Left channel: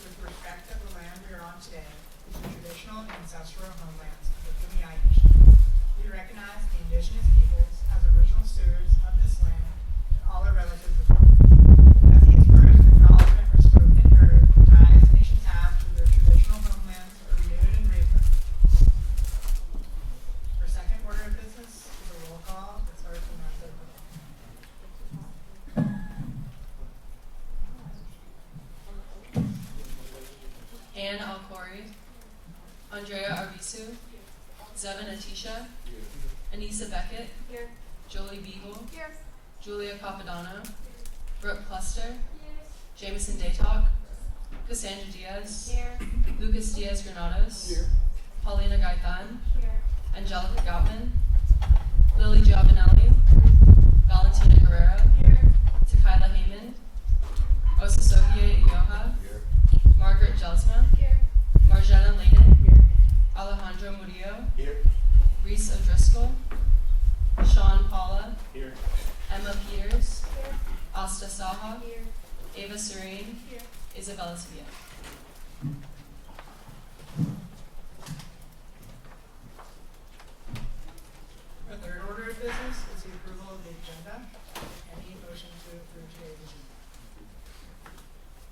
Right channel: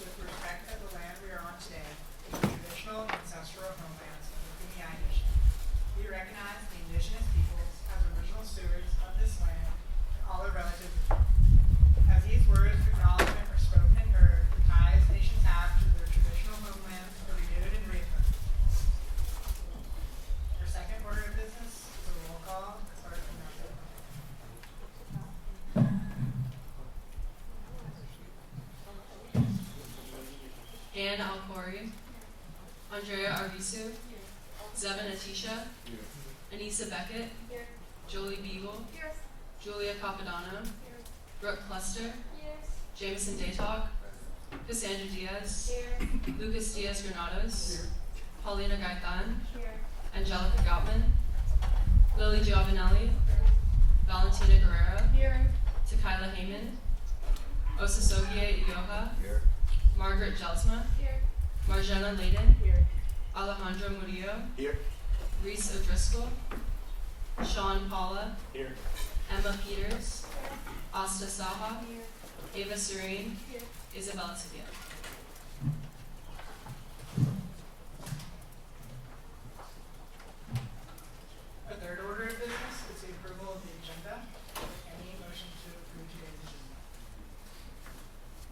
with respect to the land we are on today, the traditional ancestral homelands of the Kumeyaay Nation. We recognize the indigenous peoples as original stewards of this land and all their relatives as well. As these words of acknowledgement are spoken and heard, the ties nations have to their traditional homelands are renewed and reaffirmed. Our second order of business is a roll call that starts from our third. Anne Alcori, Andrea Arvisu, Zevin Atisha, Anissa Beckett, Here. Jolie Beagle, Here. Julia Capodanno, Brooke Cluster, Yes. Jameson Daytalk, Cassandra Diaz, Here. Lucas Diaz Granados, Paulina Gaitan, Here. Angelica Goutman, Lily Giovanelli, Valentina Guerrero, Here. Tequila Heyman, Osasogie Ioha, Margaret Jelsma, Here. Marjana Layden, Here. Alejandro Murillo, Here. Reese O'Driscoll, Sean Paula, Here. Emma Peters, Asta Saha, Here. Ava Serene, Here. Isabella Sevilla. Our third order of business is the approval of the agenda. Any motion to approve today's agenda?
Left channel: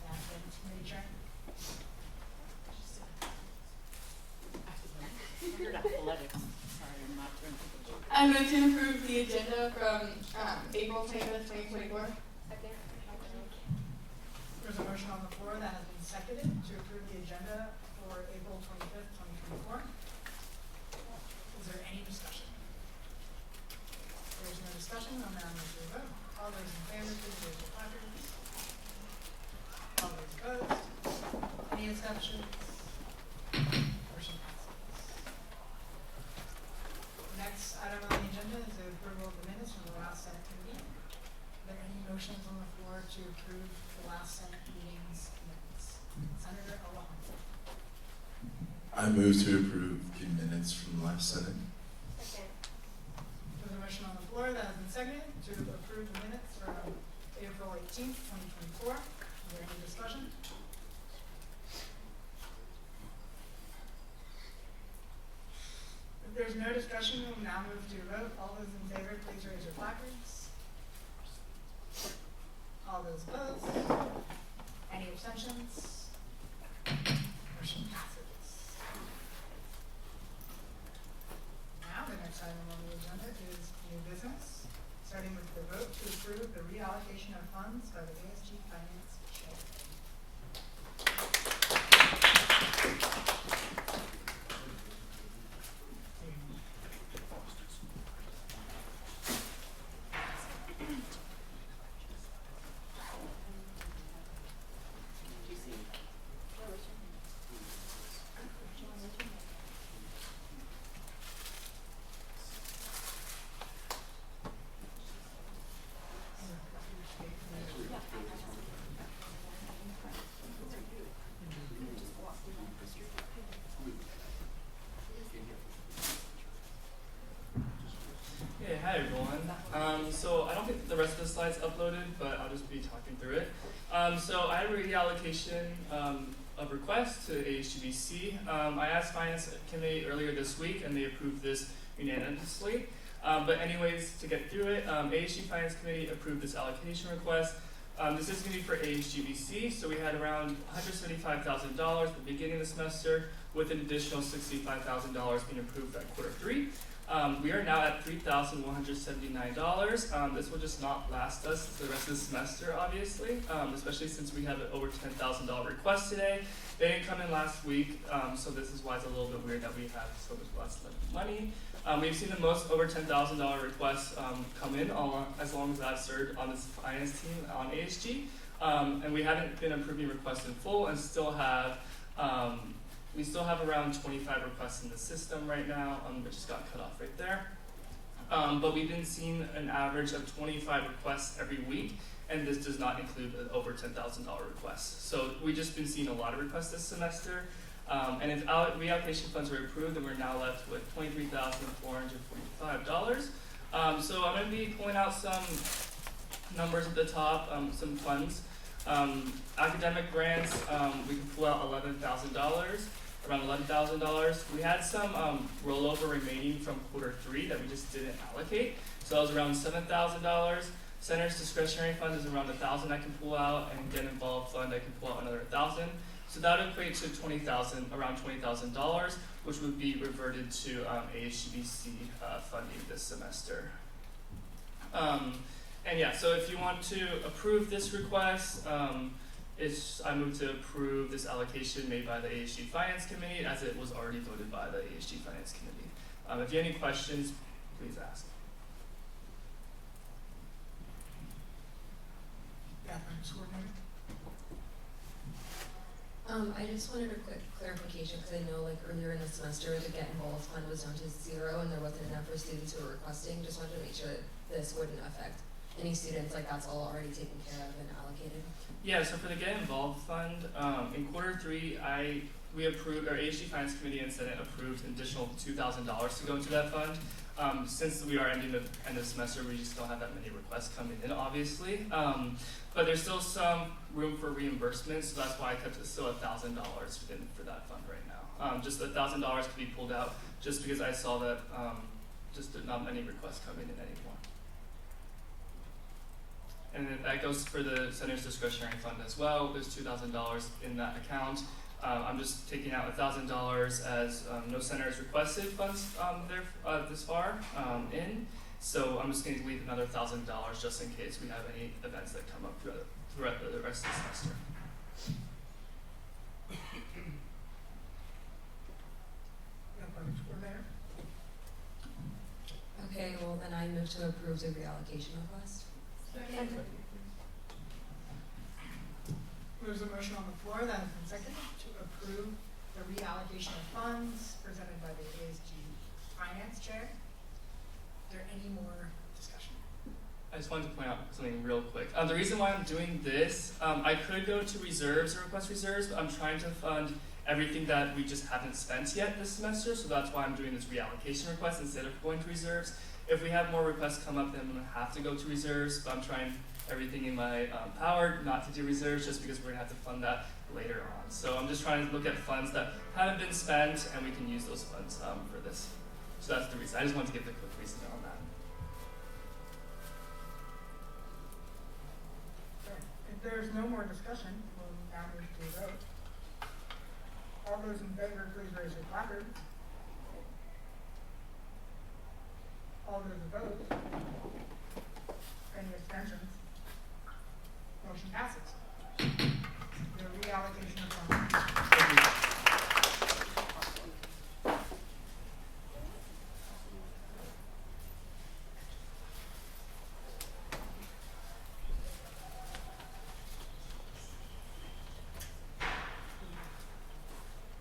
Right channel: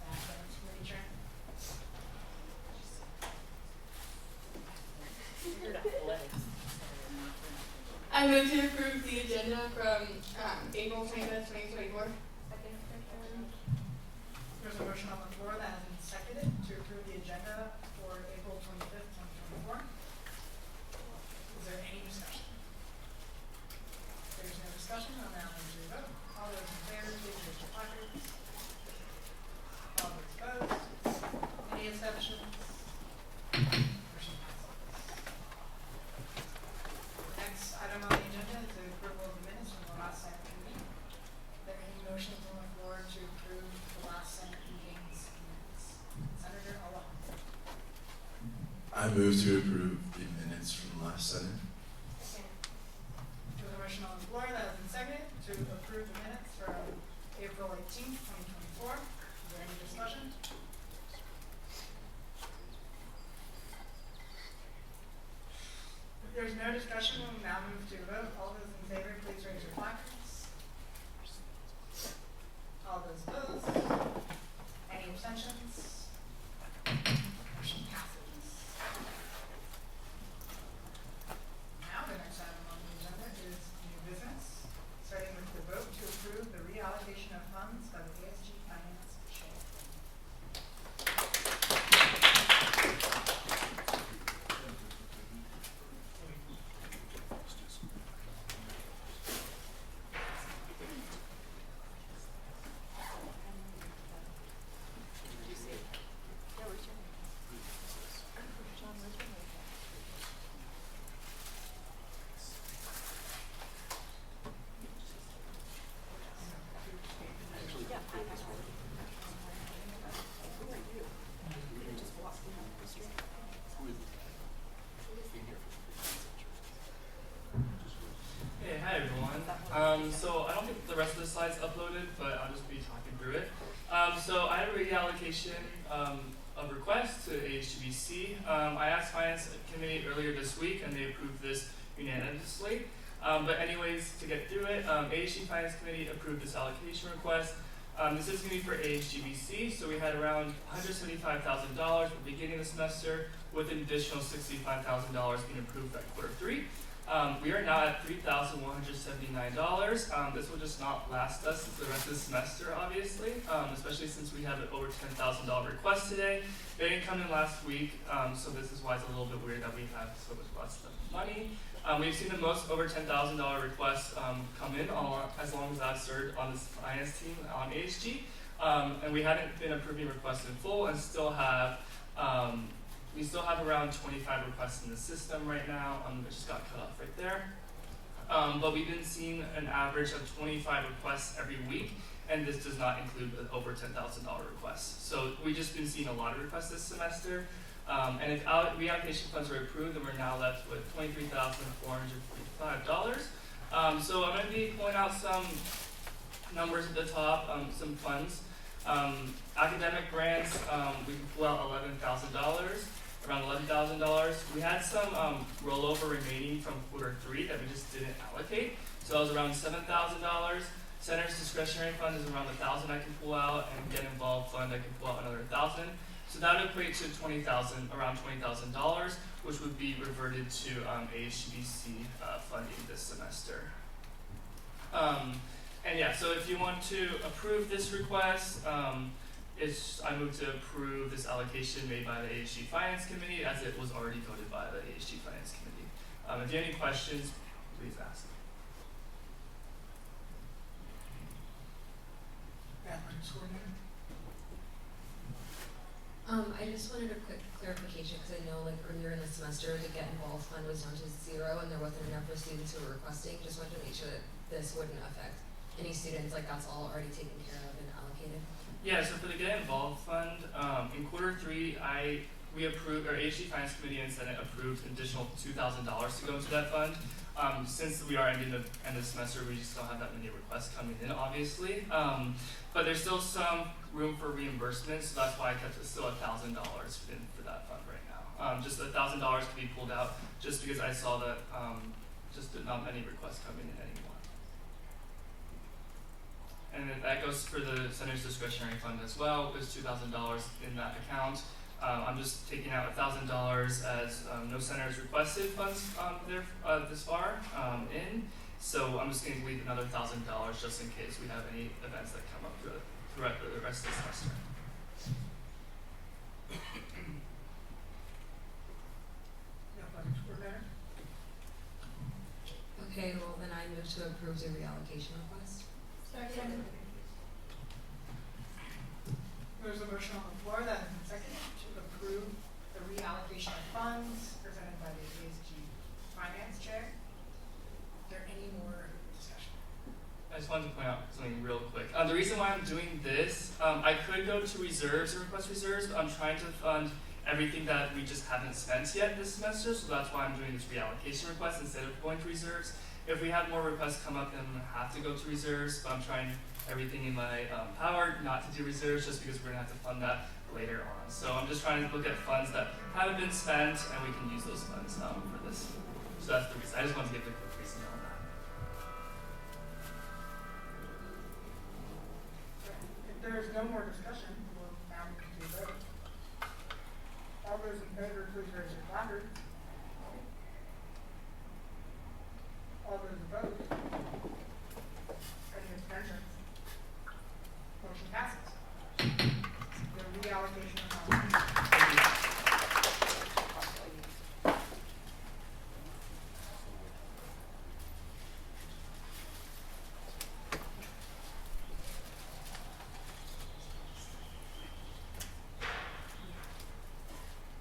Finance Committee Chair. I move to approve the agenda from April 25th, 2024. There's a motion on the floor that has been seconded to approve the agenda for April 25th, 2024. Is there any discussion? If there's no discussion, I'll now move to a vote. All those in favor, please raise your placards. All those opposed? Any exceptions? Motion passes. The next item on the agenda is the approval of the minutes from the last Senate meeting. Are there any motions on the floor to approve the last Senate meeting's minutes? Senator Alejandro. I move to approve the minutes from last Senate. There's a motion on the floor that has been seconded to approve the minutes from April 18th, 2024. Is there any discussion? If there's no discussion, we'll now move to a vote. All those in favor, please raise your placards. All those opposed? Any abstentions? Motion passes. Now, the next item on the agenda is new business, starting with the vote to approve the reallocation of funds by the ASG Finance Chair. Hey, hi everyone. So I don't think the rest of the slides uploaded, but I'll just be talking through it. So I have a reallocation of requests to ASGBC. I asked Finance Committee earlier this week, and they approved this unanimously. But anyways, to get through it, ASG Finance Committee approved this allocation request. This is going to be for ASGBC, so we had around $175,000 at the beginning of the semester, with an additional $65,000 being approved by Q3. We are now at $3,179. This will just not last us the rest of the semester, obviously, especially since we have an over $10,000 request today. They didn't come in last week, so this is why it's a little bit weird that we have so much less money. We've seen the most over $10,000 requests come in as long as I've served on this finance team on ASG. And we haven't been approving requests in full and still have we still have around 25 requests in the system right now, which just got cut off right there. But we've been seeing an average of 25 requests every week, and this does not include the over $10,000 requests. So we've just been seeing a lot of requests this semester. And if reallocation funds are approved, then we're now left with $23,445. So I'm going to be pulling out some numbers at the top, some funds. Academic grants, we can pull out $11,000, around $11,000. We had some rollover remaining from quarter 3 that we just didn't allocate, so that was around $7,000. Center's discretionary fund is around $1,000 I can pull out, and Get Involved fund I can pull out another $1,000. So that would equate to around $20,000, which would be reverted to ASGBC funding this semester. And yeah, so if you want to approve this request, I move to approve this allocation made by the ASG Finance Committee, as it was already voted by the ASG Finance Committee. If you have any questions, please ask. Athletics coordinator. I just wanted a quick clarification, because I know like earlier in the semester, the Get Involved fund was down to 0 and there wasn't enough for students who were requesting. Just wanted to make sure that this wouldn't affect any students, like that's all already taken care of and allocated. Yeah, so for the Get Involved fund, in quarter 3, we approved, our ASG Finance Committee and Senate approved an additional $2,000 to go into that fund. Since we are ending the end of the semester, we just don't have that many requests coming in, obviously. But there's still some room for reimbursement, so that's why I kept it still $1,000 for that fund right now. Just $1,000 to be pulled out, just because I saw that just not many requests coming in anymore. And then that goes for the Center's discretionary fund as well. There's $2,000 in that account. I'm just taking out $1,000 as no center has requested funds there this far in. So I'm just going to leave another $1,000 just in case we have any events that come up throughout the rest of the semester. Athletics coordinator. Okay, well then I move to approve the reallocation request. Second. There's a motion on the floor that has been seconded to approve the reallocation of funds presented by the ASG Finance Chair. Is there any more discussion? I just wanted to point out something real quick. The reason why I'm doing this, I could go to reserves and request reserves, but I'm trying to fund everything that we just haven't spent yet this semester, so that's why I'm doing this reallocation request instead of going to reserves. If we have more requests come up, then I'm going to have to go to reserves, but I'm trying everything in my power not to do reserves, just because we're going to have to fund that later on. So I'm just trying to look at funds that haven't been spent, and we can use those funds for this. So that's the reason. I just wanted to give the quick reason on that. If there is no more discussion, we'll now move to a vote. All those in favor, please raise your placard. All those opposed? Any abstentions? Motion passes. The reallocation of funds. Thank you.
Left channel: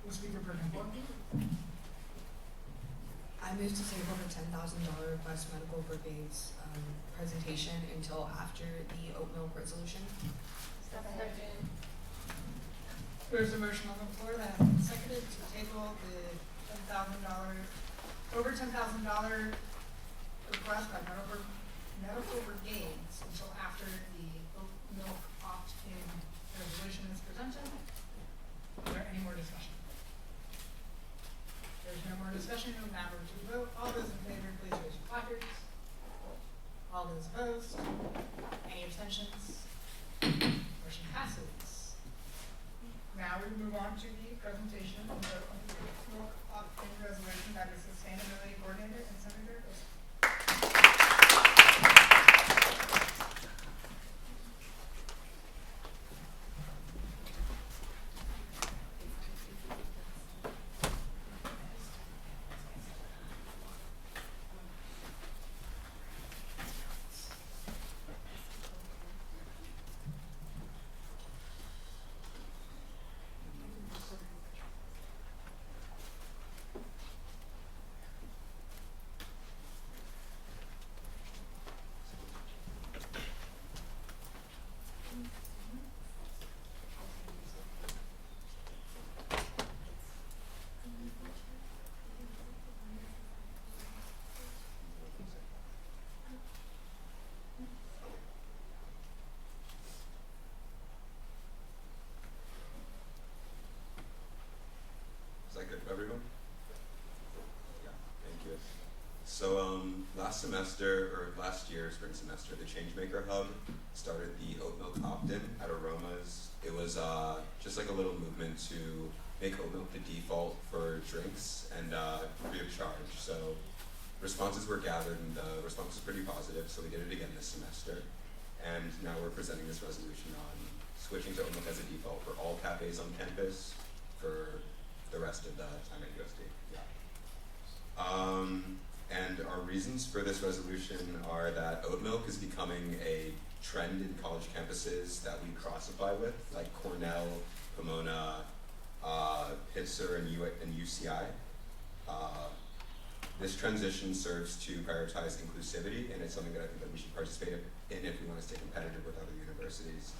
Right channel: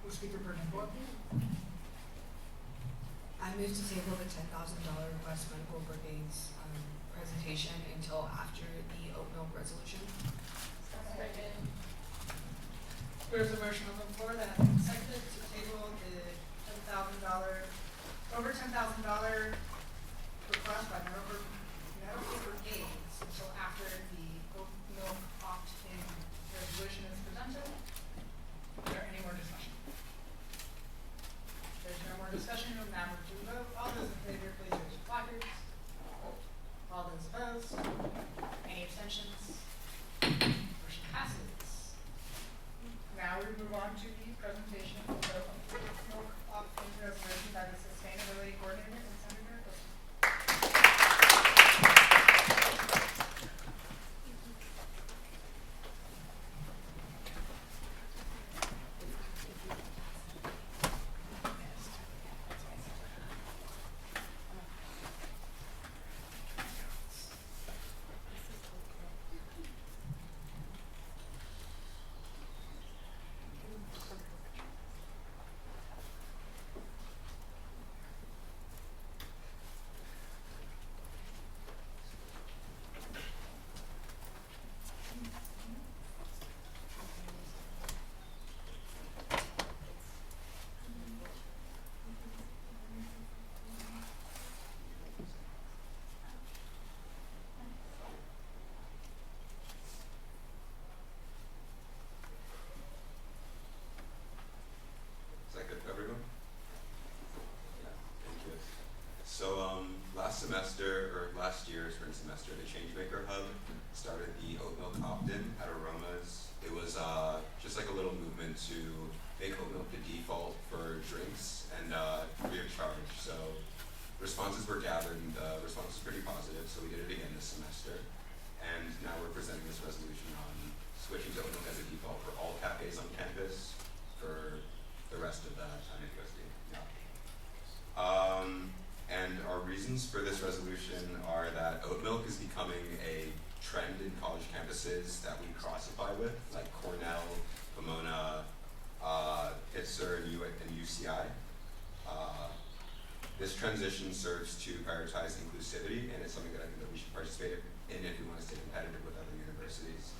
Will speaker person four? I move to table the $10,000 request medical brigade's presentation until after the oat milk resolution. Second. There's a motion on the floor that has been seconded to table the over $10,000 request by medical brigades until after the oat milk opt-in resolution is presented. Is there any more discussion? There's no more discussion, we'll now move to a vote. All those in favor, please raise your placards. All those opposed? Any abstentions? Motion passes. Now we move on to the presentation of the milk opt-in resolution by the sustainability coordinator and Senator Wilson. Last semester, or last year, spring semester, the Changemaker Hub started the oat milk opt-in at Aromas. It was just like a little movement to make oat milk the default for drinks and free of charge. So responses were gathered and the response was pretty positive, so we did it again this semester. And now we're presenting this resolution on switching to oat milk as a default for all cafes on campus for the rest of the time at USD. Yeah. And our reasons for this resolution are that oat milk is becoming a trend in college campuses that we classify with, like Cornell, Pomona, Pitzer, and UCI. This transition serves to prioritize inclusivity, and it's something that I think that we should participate in if we want to stay competitive with other universities.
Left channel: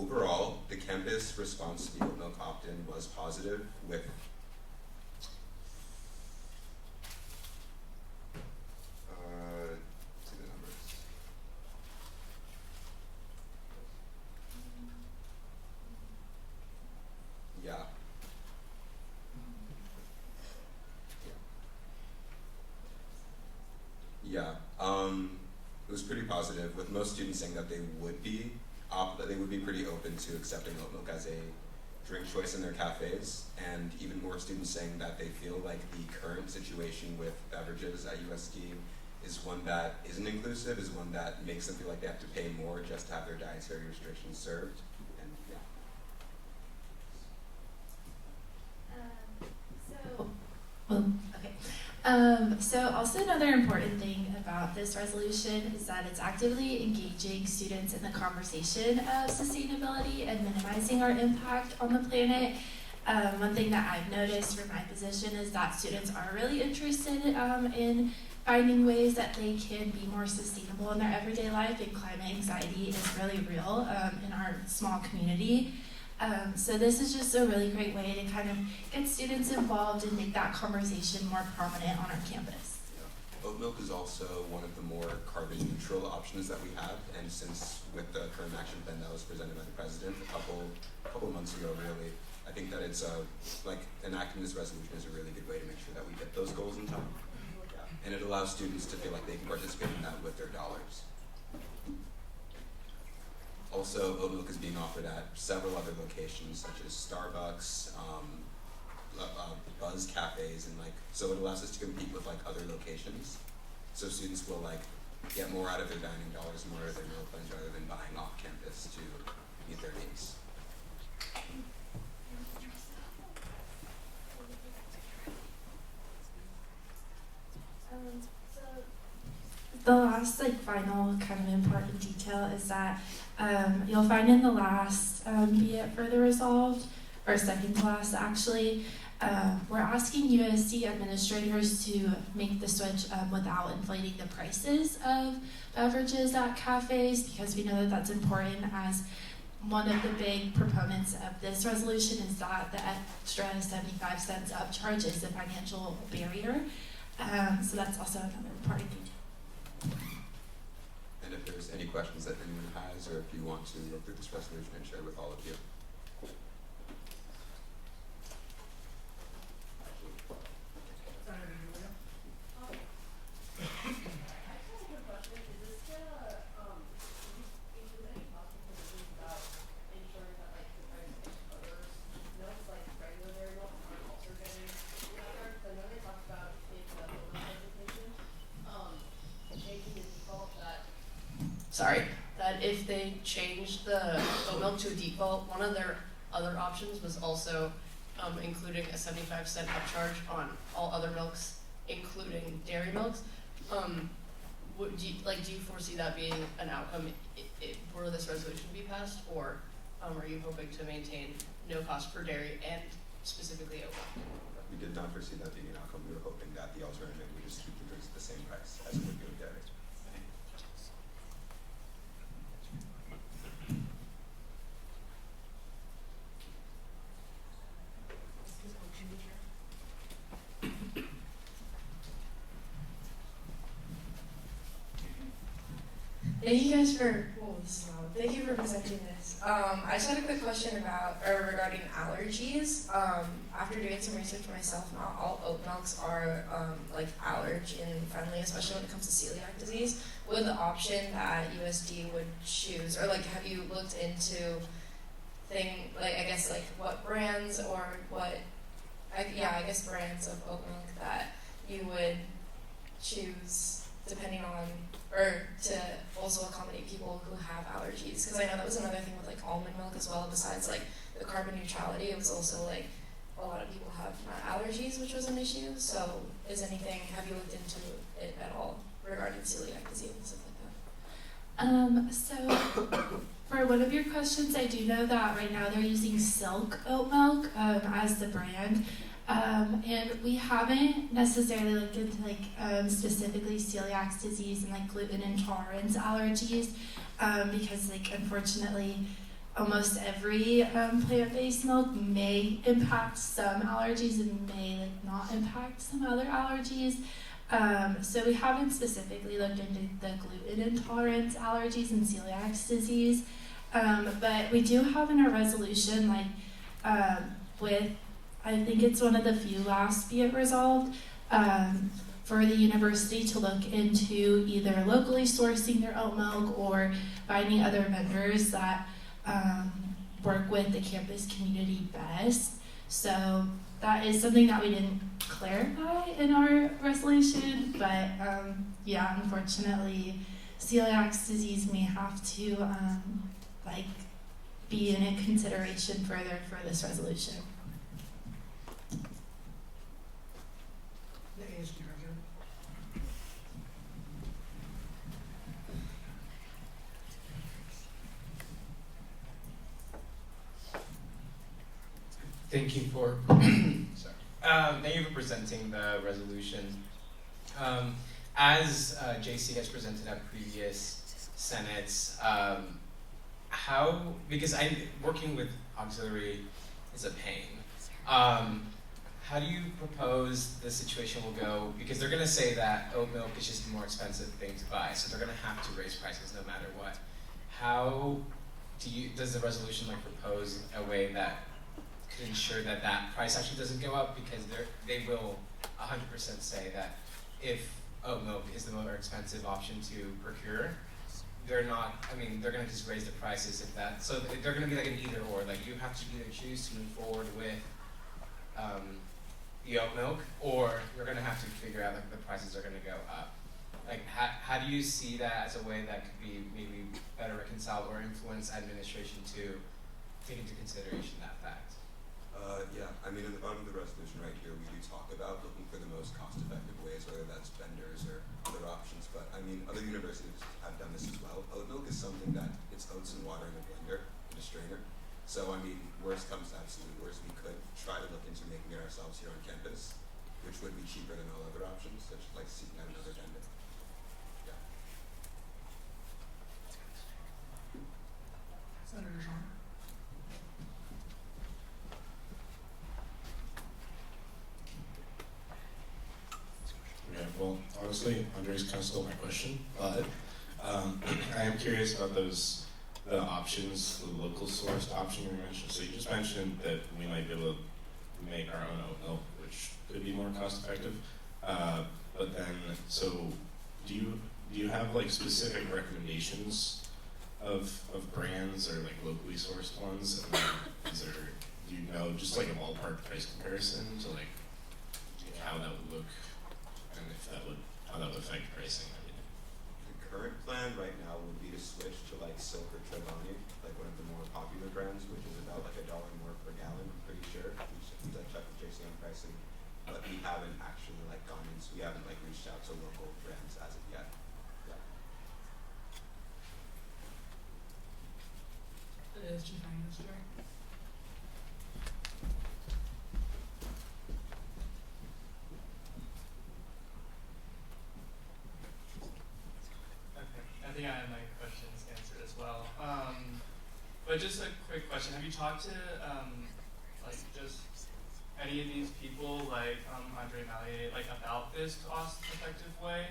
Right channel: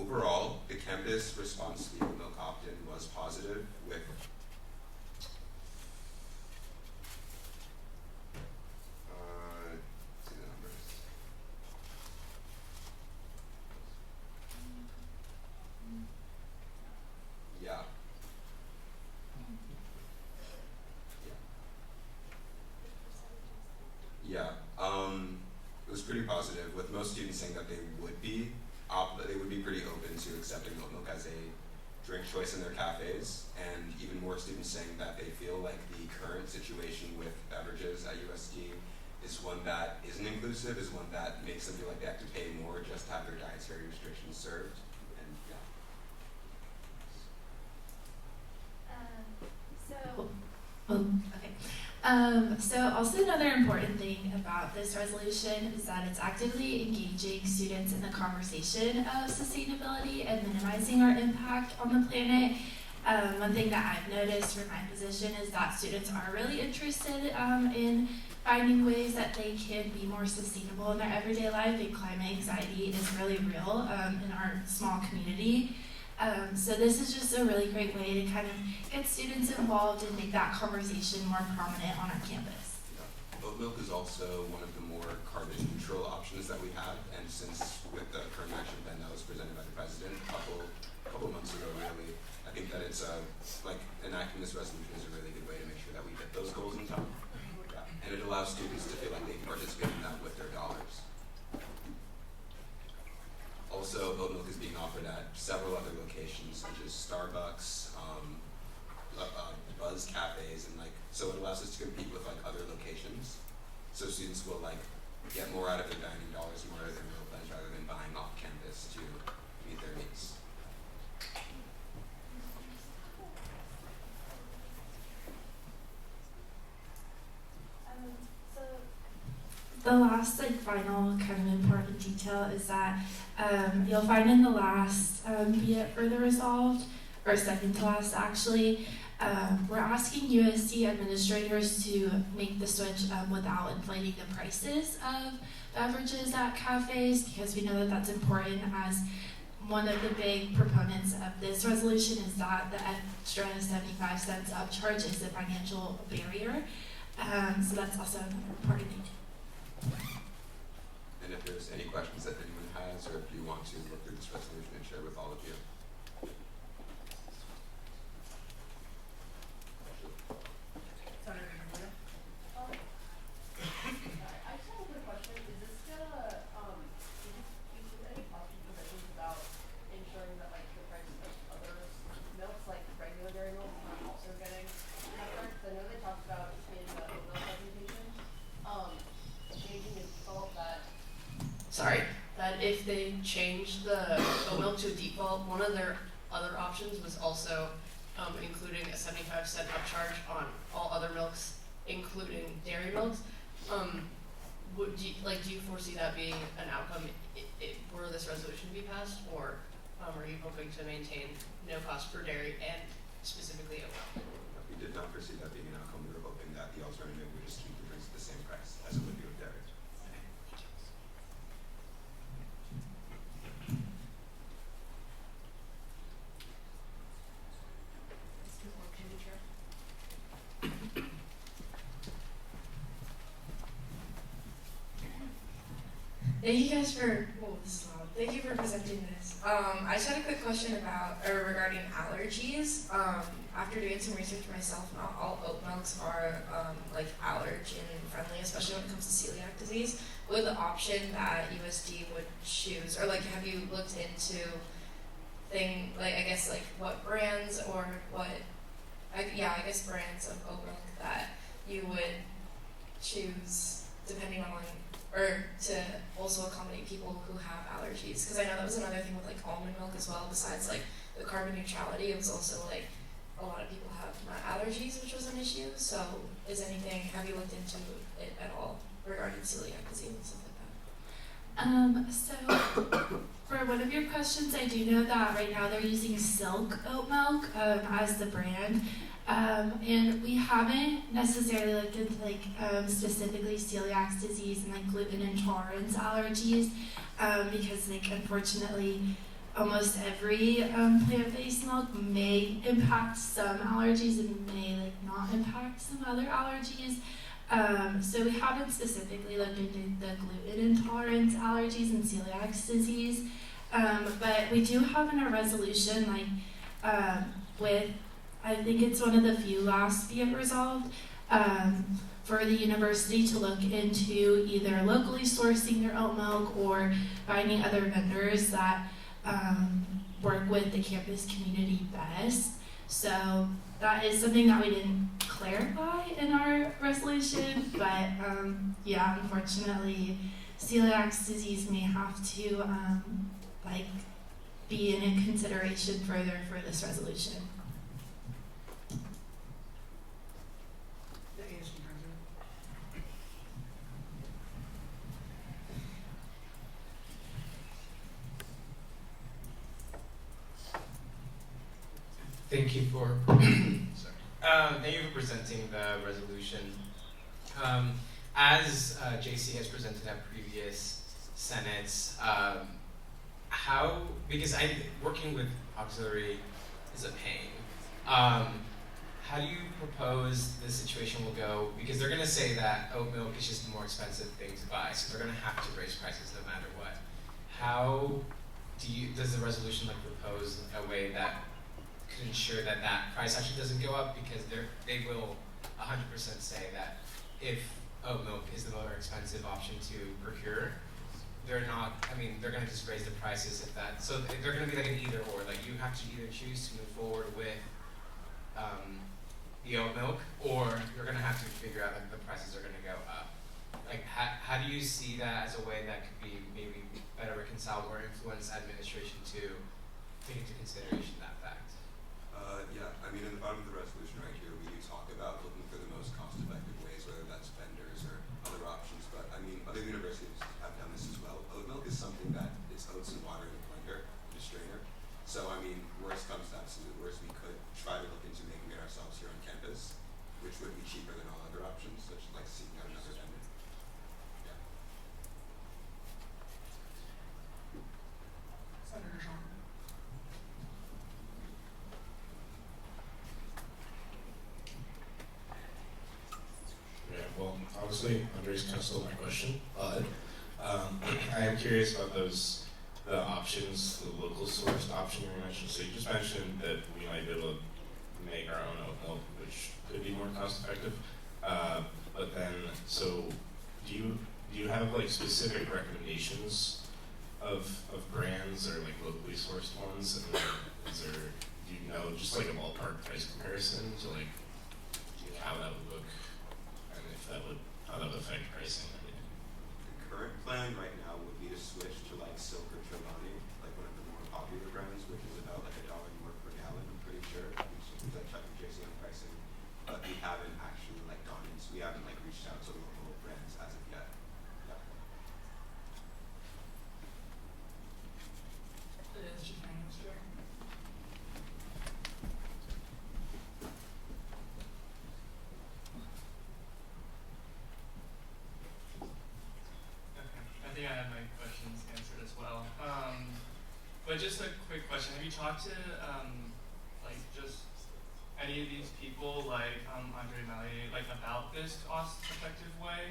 Overall, the campus response to the oat milk opt-in was positive, with see the numbers. Yeah. Yeah. It was pretty positive, with most students saying that they would be pretty open to accepting oat milk as a drink choice in their cafes, and even more students saying that they feel like the current situation with beverages at USD is one that isn't inclusive, is one that makes them feel like they have to pay more just to have their dietary restrictions served. And yeah. So also another important thing about this resolution is that it's actively engaging students in the conversation of sustainability and minimizing our impact on the planet. One thing that I've noticed for my position is that students are really interested in finding ways that they can be more sustainable in their everyday life, and climate anxiety is really real in our small community. So this is just a really great way to kind of get students involved and make that conversation more prominent on our campus. Yeah. Oat milk is also one of the more carbon neutral options that we have, and since with the current action plan that was presented by the president a couple months ago, really, I think that it's like enacting this resolution is a really good way to make sure that we get those goals in time. Yeah. And it allows students to feel like they can participate in that with their dollars. Also, oat milk is being offered at several other locations, such as Starbucks, Buzz cafes, and so it allows us to compete with other locations. So students will get more out of their dining dollars, more out of their meal plans, rather than buying off campus to meet their needs. The last final kind of important detail is that you'll find in the last be it further resolved, or second to last actually, we're asking USD administrators to make the switch without inflating the prices of beverages at cafes, because we know that that's important, as one of the big proponents of this resolution is that the extra 75 cents upcharge is a financial barrier. So that's also another important detail. And if there's any questions that anyone has, or if you want to look through this resolution and share with all of you. Senator Hurley. I just have a quick question. Is this gonna, include any policy provisions about ensuring that the price of other milks, like regular dairy milk, are also getting covered? I know they talked about in the oat milk presentation, changing the default that if they change the oat milk to a default, one of their other options was also including a 75-cent upcharge on all other milks, including dairy milks. Do you foresee that being an outcome were this resolution to be passed, or are you hoping to maintain no cost for dairy and specifically oat milk? We did not foresee that being an outcome. We were hoping that the alternative would just keep the drinks at the same price as it would be with dairy. Excuse me, can you chair? Thank you guys for, this is loud. Thank you for presenting this. I just had a quick question regarding allergies. After doing some research myself, not all oat milks are like allergen friendly, especially when it comes to celiac disease. Would the option that USD would choose, or like have you looked into what brands or brands of oat milk that you would choose depending on, or to also accommodate people who have allergies? Because I know that was another thing with like almond milk as well. Besides like the carbon neutrality, it was also like a lot of people have nut allergies, which was an issue. So have you looked into it at all regarding celiac disease and stuff like that? So for one of your questions, I do know that right now they're using Silk oat milk as the brand. And we haven't necessarily looked into specifically celiac disease and like gluten intolerance allergies because unfortunately almost every plant-based milk may impact some allergies and may not impact some other allergies. So we haven't specifically looked into the gluten intolerance allergies and celiac disease, but we do have in our resolution I think it's one of the few last be it resolved, for the university to look into either locally sourcing their oat milk or finding other vendors that work with the campus community best. So that is something that we didn't clarify in our resolution, but unfortunately, celiac disease may have to be in consideration further for this resolution. The ASG president. Thank you for thank you for presenting the resolution. As JC has presented at previous Senates, because working with auxiliary is a pain. How do you propose the situation will go? Because they're going to say that oat milk is just a more expensive thing to buy, so they're going to have to raise prices no matter what. How does the resolution propose a way that could ensure that price actually doesn't go up? Because they will 100% say that if oat milk is the more expensive option to procure, they're going to just raise the prices so they're going to be like an either or. You have to either choose to move forward with the oat milk, or you're going to have to figure out the prices are going to go up. How do you see that as a way that could be maybe better reconciled or influence administration to take into consideration that fact? In the bottom of the resolution right here, we do talk about looking for the most cost-effective ways, whether that's vendors or other options. But other universities have done this as well. Oat milk is something that it's oats and water in a blender and a strainer. So worst comes to absolute worst, we could try to look into making it ourselves here on campus, which would be cheaper than all other options, such as seeking out another vendor. Yeah. Senator Jean. Yeah, well, obviously, Andres kind of stole my question, but I am curious about the options, the local sourced option you mentioned. So you just mentioned that we might be able to make our own oat milk, which could be more cost effective. But then, so do you have specific recommendations of brands or locally sourced ones? And do you know just a ballpark price comparison to how that would look? How that would affect pricing. The current plan right now would be to switch to Silk or Trelawney, one of the more popular brands, which is about $1 more per gallon, I'm pretty sure. Which I checked with JC on pricing, but we haven't actually gone into, we haven't reached out to local brands as of yet. Yeah. The ASG finance chair. I think I have my questions answered as well. But just a quick question: have you talked to just any of these people, Andre Mallier, about this cost-effective way?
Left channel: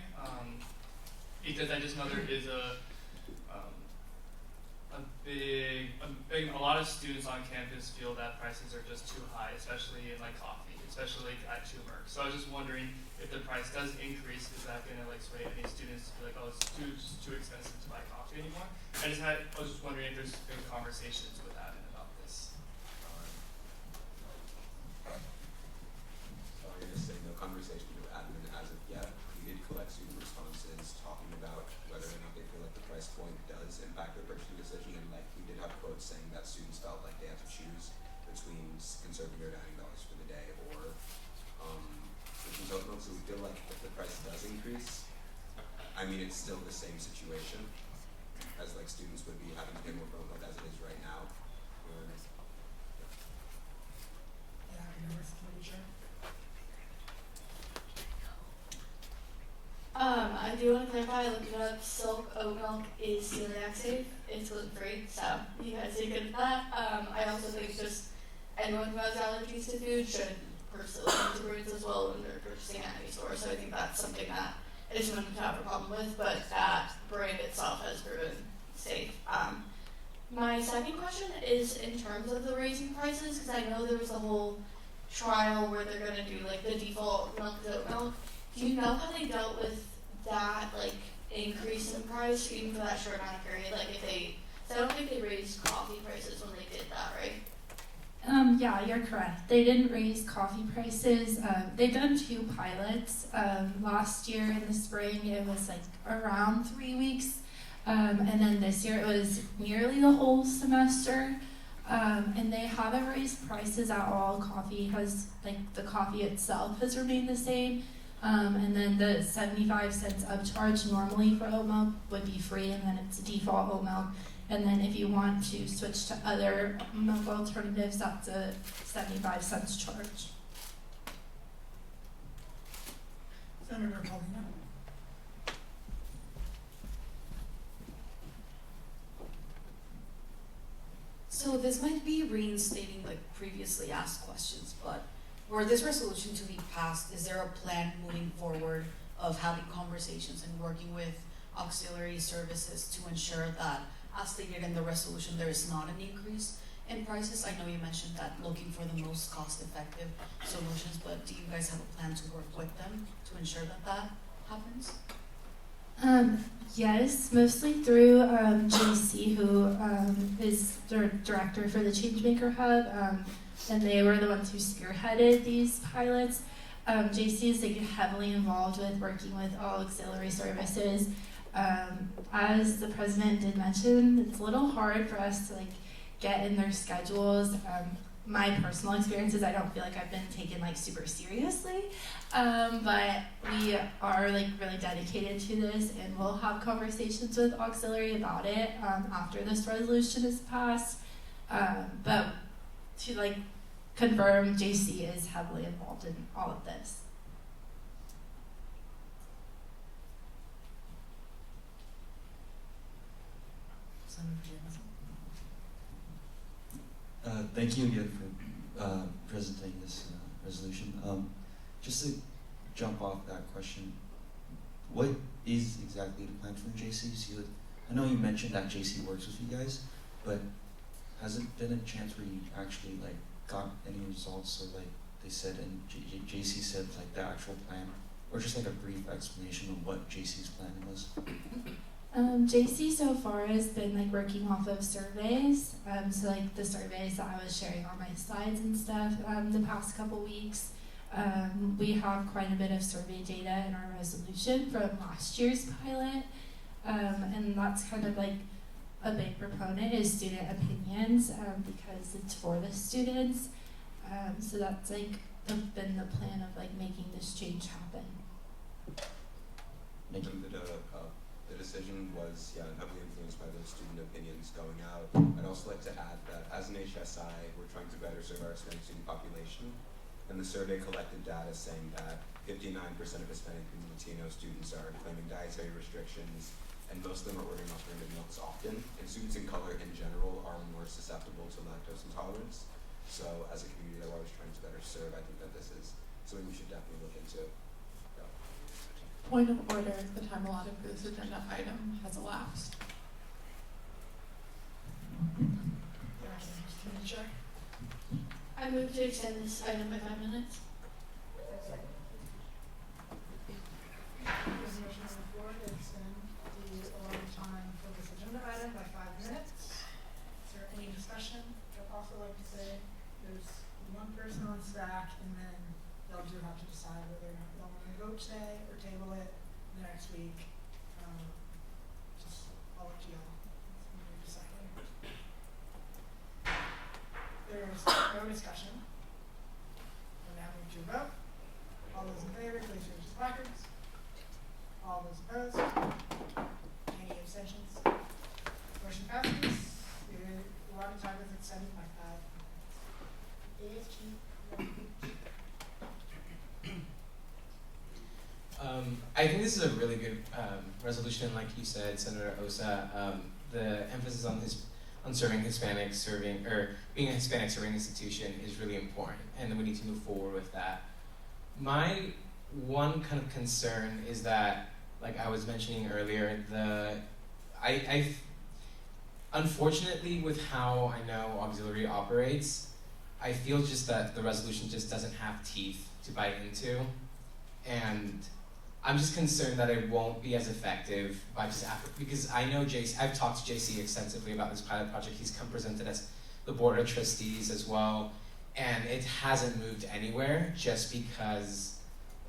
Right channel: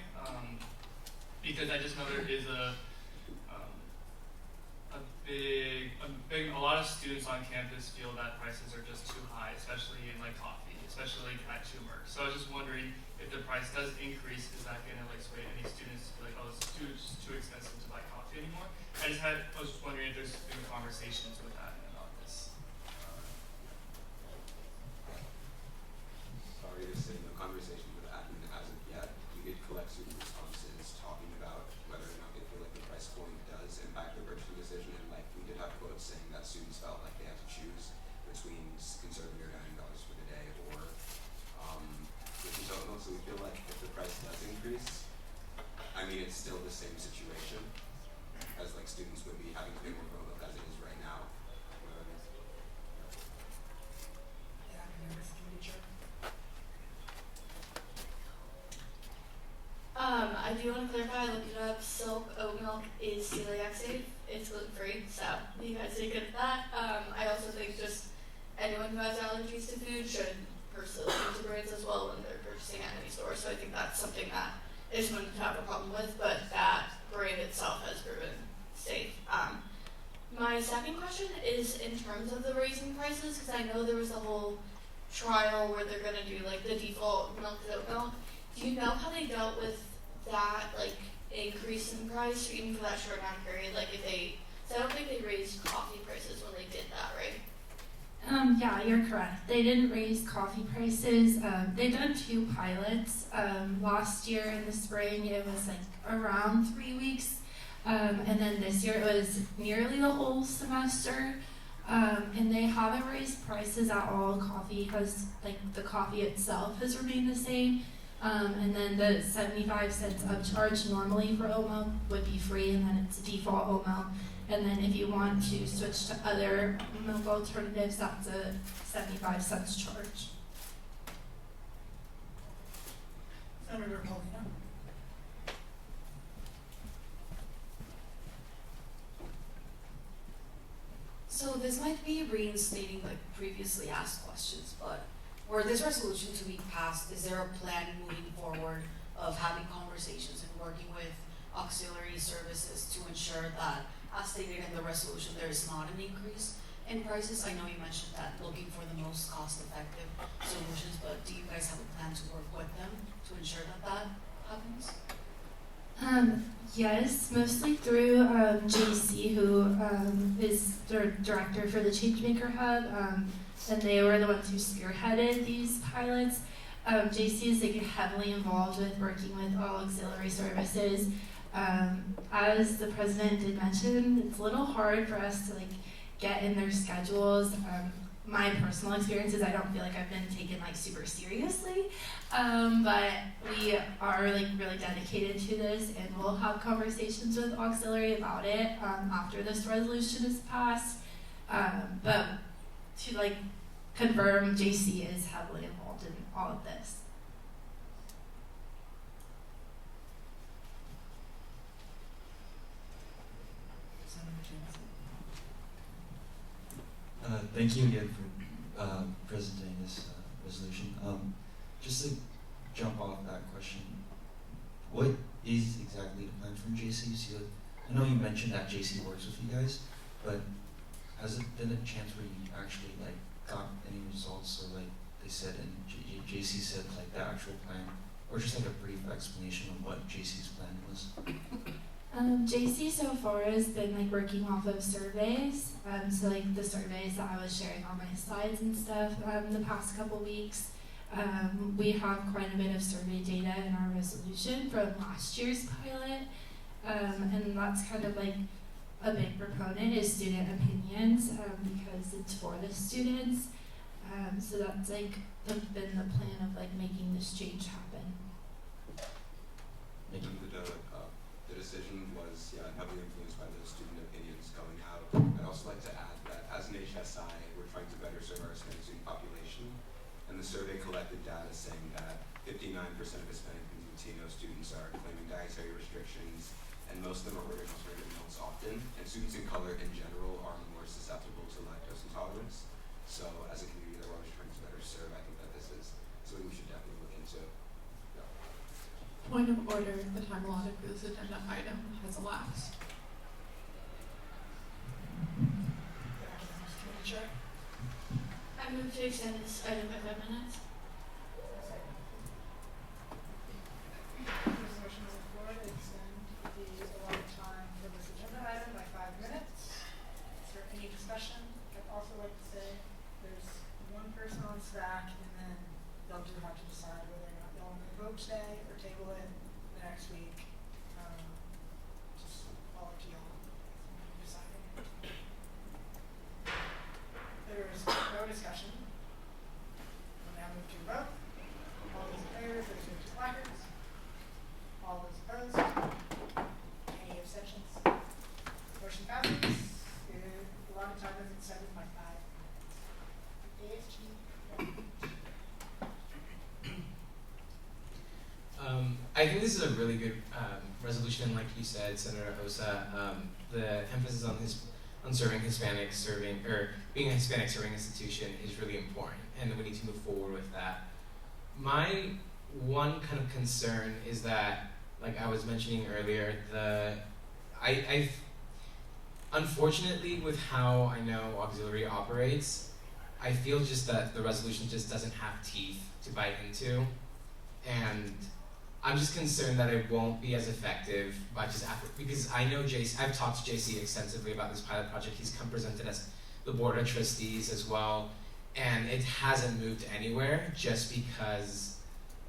Because I just know there is a lot of students on campus feel that prices are just too high, especially in like coffee, especially at Schumer. So I was just wondering if the price does increase, is that gonna like sway any students to be like, oh, it's too expensive to buy coffee anymore? I was just wondering if there's been conversations with that about this. Sorry to say, no conversation with admin as of yet. We did collect student responses talking about whether or not they feel like the price point does impact their purchasing decision, and like we did have quotes saying that students felt like they had to choose between conserving their $90 for the day or which oat milk. So we feel like if the price does increase, I mean it's still the same situation as like students would be having to pay more for oat milk as it is right now. Yeah, academics committee chair. I do want to clarify, looking up, Silk oat milk is celiac safe. It's gluten free, so you guys did good at that. I also think just anyone who has allergies to food should pursue into brands as well when they're purchasing at any store. So I think that's something that I just wouldn't have a problem with, but that brand itself has proven safe. My second question is in terms of the raising prices, because I know there was a whole trial where they're going to do like the default milk is oat milk. Do you know how they dealt with that like increase in price even for that short amount of period? Like if they, so I don't think they raised coffee prices when they did that, right? Yeah, you're correct. They didn't raise coffee prices. They've done 2 pilots. Last year in the spring, it was like around 3 weeks. And then this year it was nearly the whole semester. And they haven't raised prices at all. Coffee has, like, the coffee itself has remained the same. And then the 75 cents upcharge normally for oat milk would be free, and then it's default oat milk. And then if you want to switch to other milk alternatives, that's a 75 cents charge. Senator Paulino. So this might be reinstating like previously asked questions, but were this resolution to be passed, is there a plan moving forward of having conversations and working with auxiliary services to ensure that, as stated in the resolution, there is not an increase in prices? I know you mentioned that looking for the most cost-effective solutions, but do you guys have a plan to work with them to ensure that that happens? Yes, mostly through JC, who is the director for the Changemaker Hub, and they were the ones who spearheaded these pilots. JC is like heavily involved with working with all auxiliary services. As the president did mention, it's a little hard for us to like get in their schedules. My personal experience is I don't feel like I've been taken like super seriously, but we are like really dedicated to this, and we'll have conversations with auxiliary about it after this resolution is passed. But to like confirm, JC is heavily involved in all of this. Senator Jameson. Thank you again for presenting this resolution. Just to jump off that question, what is exactly the plan from JC? So I know you mentioned that JC works with you guys, but has it been a chance where you actually like got any results, or like they said and JC said like the actual plan, or just like a brief explanation of what JC's plan was? JC so far has been like working off of surveys, so like the surveys that I was sharing on my slides and stuff the past couple weeks. We have quite a bit of survey data in our resolution from last year's pilot, and that's kind of like a big proponent is student opinions because it's for the students. So that's like been the plan of like making this change happen. The decision was heavily influenced by those student opinions going out. I'd also like to add that as an HSI, we're trying to better serve our Hispanic student population, and the survey collected data saying that 59% of Hispanic and Latino students are claiming dietary restrictions, and most of them are ordering alternative milks often, and students in color in general are more susceptible to lactose intolerance. So as a community that we're always trying to better serve, I think that this is something we should definitely look into. Point of order, the time allotted for this agenda item has elapsed. move to extend this item by 5 minutes. There's a motion on the floor to extend the allotted time for this agenda item by 5 minutes. Is there any discussion? I'd also like to say there's one person on staff, and then they'll do have to decide whether or not they'll want to vote today or table it the next week. Just all up to y'all. Deciding. There's no discussion. We'll now move to a vote. All those in favor, please raise your placards. All those opposed? Any abstentions? Motion passes. The allotted time is extended by 5 minutes. ASG. I think this is a really good resolution, like you said, Senator Osa. The emphasis on serving Hispanics, being a Hispanic serving institution is really important, and we need to move forward with that. My one kind of concern is that, like I was mentioning earlier, I've unfortunately, with how I know auxiliary operates, I feel just that the resolution just doesn't have teeth to bite into, and I'm just concerned that it won't be as effective by just because I know JC, I've talked to JC extensively about this pilot project. He's come presented as the board of trustees as well, and it hasn't moved anywhere just because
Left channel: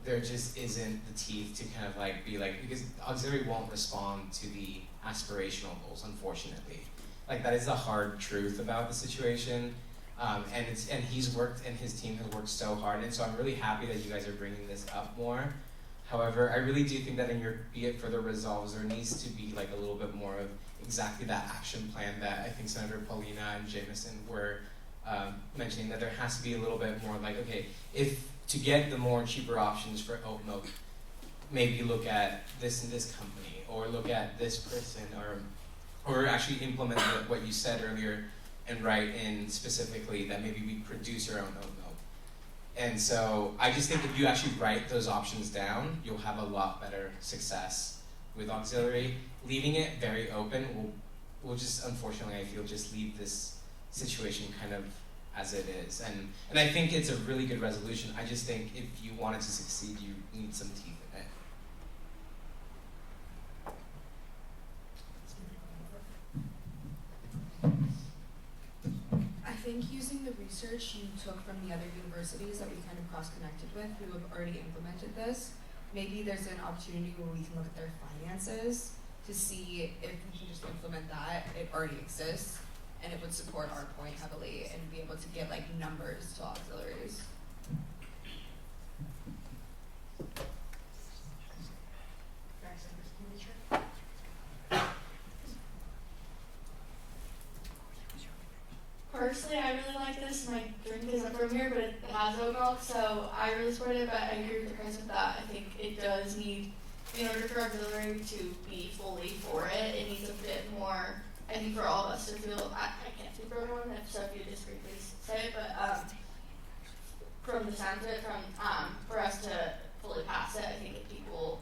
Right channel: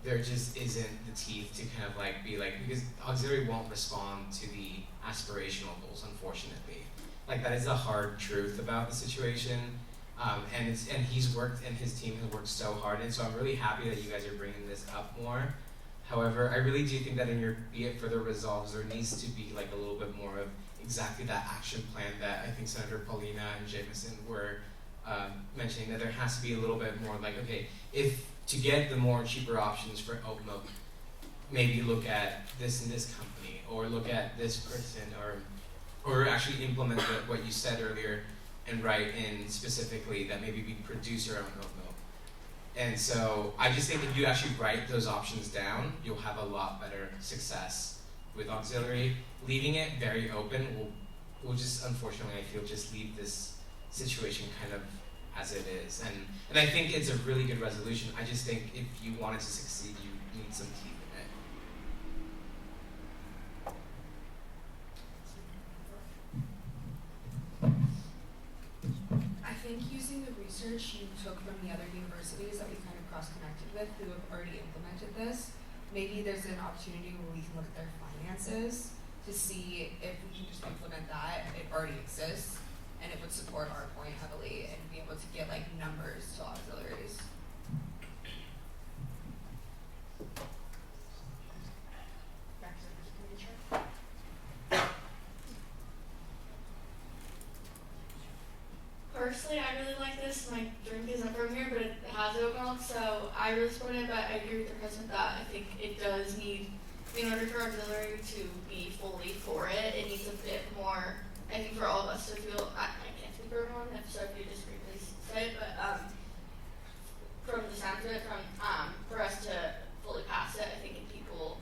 there just isn't the teeth to kind of because auxiliary won't respond to the aspirational goals, unfortunately. Like, that is the hard truth about the situation. And he's worked, and his team has worked so hard, and so I'm really happy that you guys are bringing this up more. However, I really do think that in your be it further resolves, there needs to be like a little bit more of exactly that action plan that I think Senator Paulina and Jameson were mentioning, that there has to be a little bit more like, okay, if to get the more cheaper options for oat milk, maybe look at this and this company, or look at this person, or actually implement what you said earlier and write in specifically that maybe we produce our own oat milk. And so I just think if you actually write those options down, you'll have a lot better success with auxiliary. Leaving it very open will just, unfortunately, I feel, just leave this situation kind of as it is. And I think it's a really good resolution. I just think if you want it to succeed, you need some teeth in it. I think using the research you took from the other universities that we kind of cross-connected with who have already implemented this, maybe there's an opportunity where we can look at their finances to see if we can just implement that. It already exists, and it would support our point heavily and be able to get like numbers to auxiliaries. Personally, I really like this. My drink isn't from here, but it has oat milk, so I really support it. But I agree with the president that I think it does need, in order for auxiliary to be fully for it, it needs a bit more. I think for all of us to feel, I can't speak for everyone. If so, if you disagree, please say it. But from the sound of it, for us to fully pass it, I think if people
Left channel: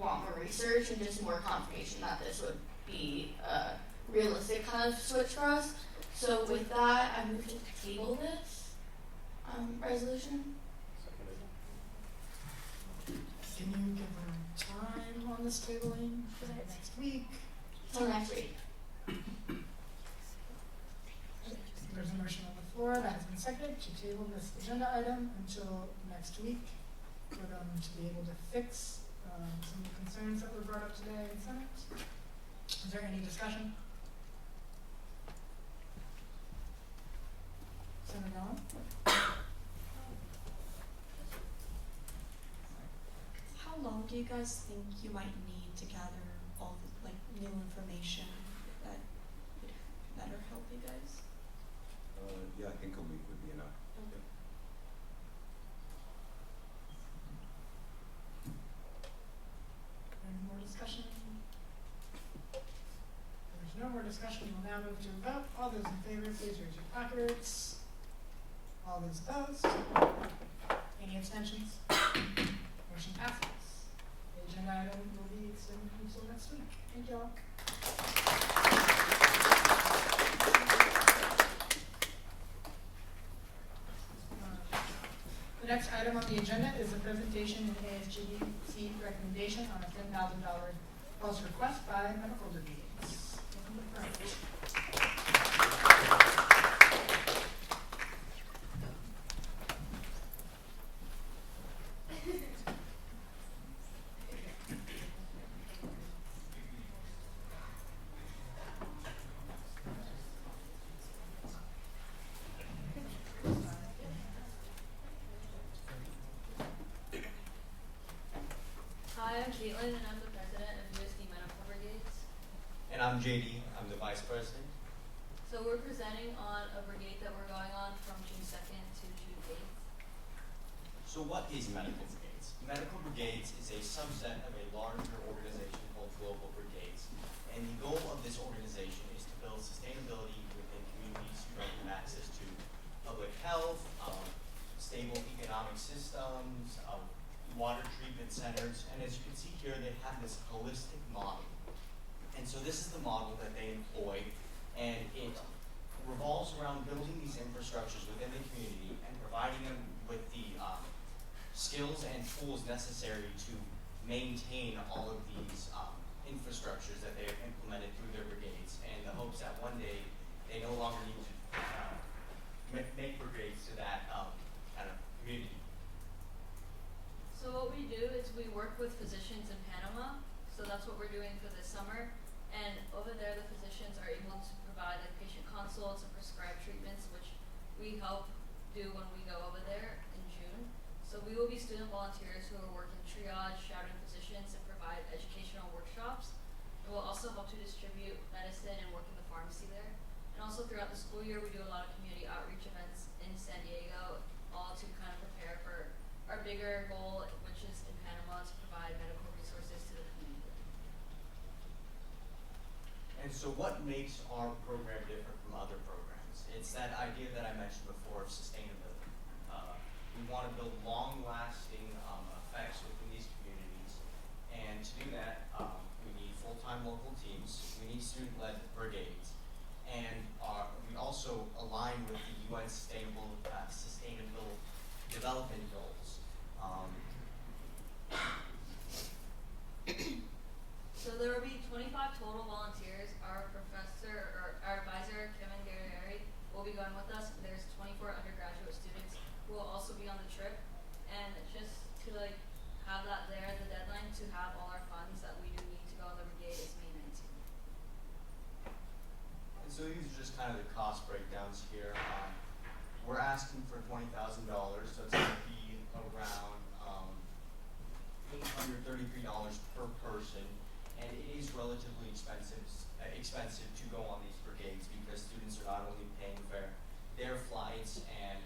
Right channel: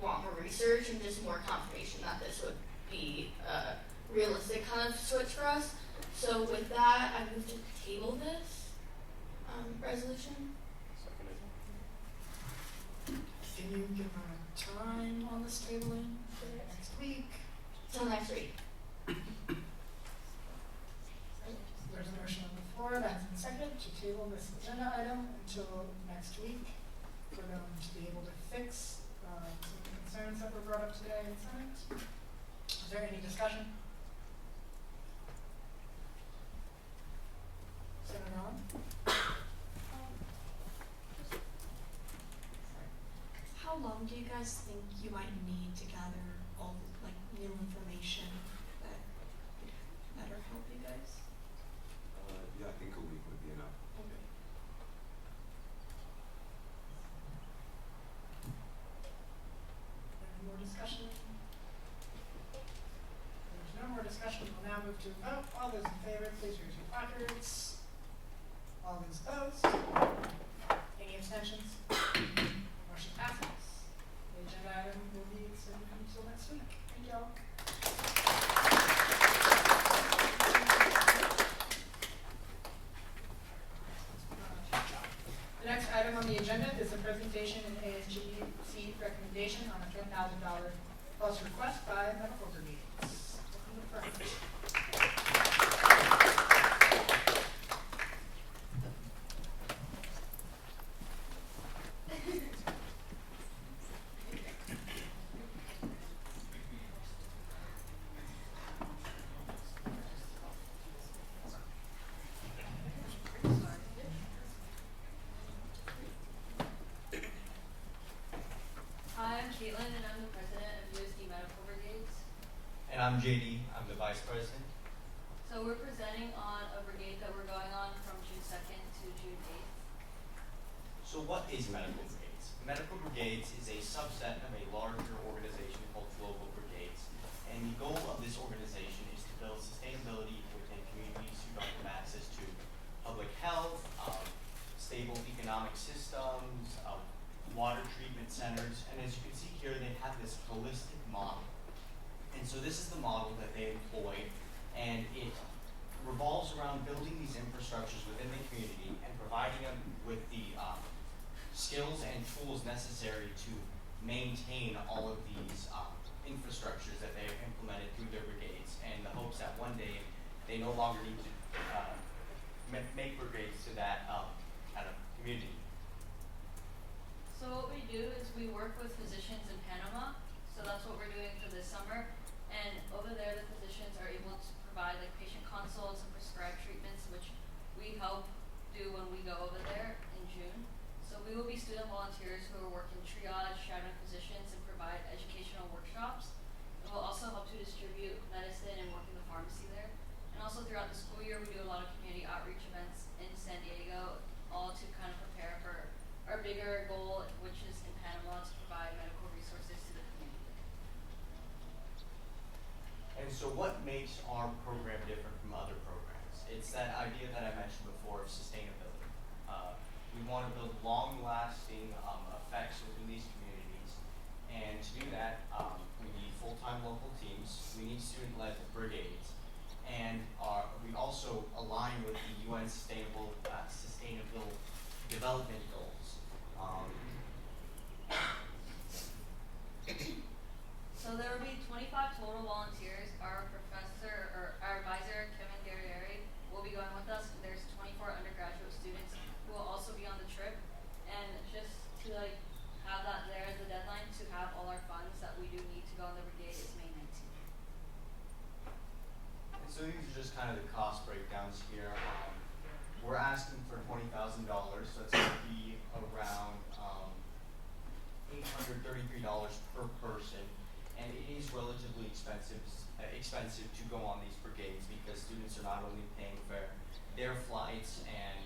want more research and just more confirmation that this would be a realistic kind of switch for us. So with that, I move to table this resolution. Can you give a time on this tabling for next week? Till next week. There's a motion on the floor that has been seconded to table this agenda item until next week for them to be able to fix some concerns that were brought up today in the Senate. Is there any discussion? Senator Allen? How long do you guys think you might need to gather all the new information that would better help you guys? Yeah, I think a week would be enough. Okay. Any more discussion? There's no more discussion. We'll now move to a vote. All those in favor, please raise your placards. All those opposed? Any abstentions? Motion passes. The agenda item will be extended until next week. Thank you all. on the agenda is a presentation and ASG recommendation on a $10,000 plus request by medical brigades. Welcome to the front. Hi, I'm Caitlin, and I'm the president of USD Medical Brigades. And I'm JD, I'm the vice president. So we're presenting on a brigade that we're going on from June 2nd to June 8th. So what is Medical Brigades? Medical Brigades is a subset of a larger organization called Global Brigades. And the goal of this organization is to build sustainability within communities who don't have access to public health, stable economic systems, water treatment centers. And as you can see here, they have this holistic model. And so this is the model that they employ, and it revolves around building these infrastructures within the community and providing them with the skills and tools necessary to maintain all of these infrastructures that they have implemented through their brigades, and the hopes that one day they no longer need to make brigades to that kind of community. So what we do is we work with physicians in Panama. So that's what we're doing for this summer. And over there, the physicians are able to provide like patient consults and prescribe treatments, which we help do when we go over there in June. So we will be student volunteers who are working triage, shadowing physicians, and provide educational workshops. And we'll also help to distribute medicine and work in the pharmacy there. And also throughout the school year, we do a lot of community outreach events in San Diego, all to kind of prepare for our bigger goal, which is in Panama, to provide medical resources to the community. And so what makes our program different from other programs? It's that idea that I mentioned before of sustainability. We want to build long-lasting effects within these communities, and to do that, we need full-time local teams, we need student-led brigades, and we also align with the UN Sustainable Development Goals. So there will be 25 total volunteers. Our professor, or our advisor, Kevin Guerrieri, will be going with us. And there's 24 undergraduate students who will also be on the trip. And just to like have that there, the deadline to have all our funds that we do need to go on the brigade is May 19th. And so these are just kind of the cost breakdowns here. We're asking for $20,000, so it's going to be around $833 per person, and it is relatively expensive to go on these brigades because students are not only paying for their flights and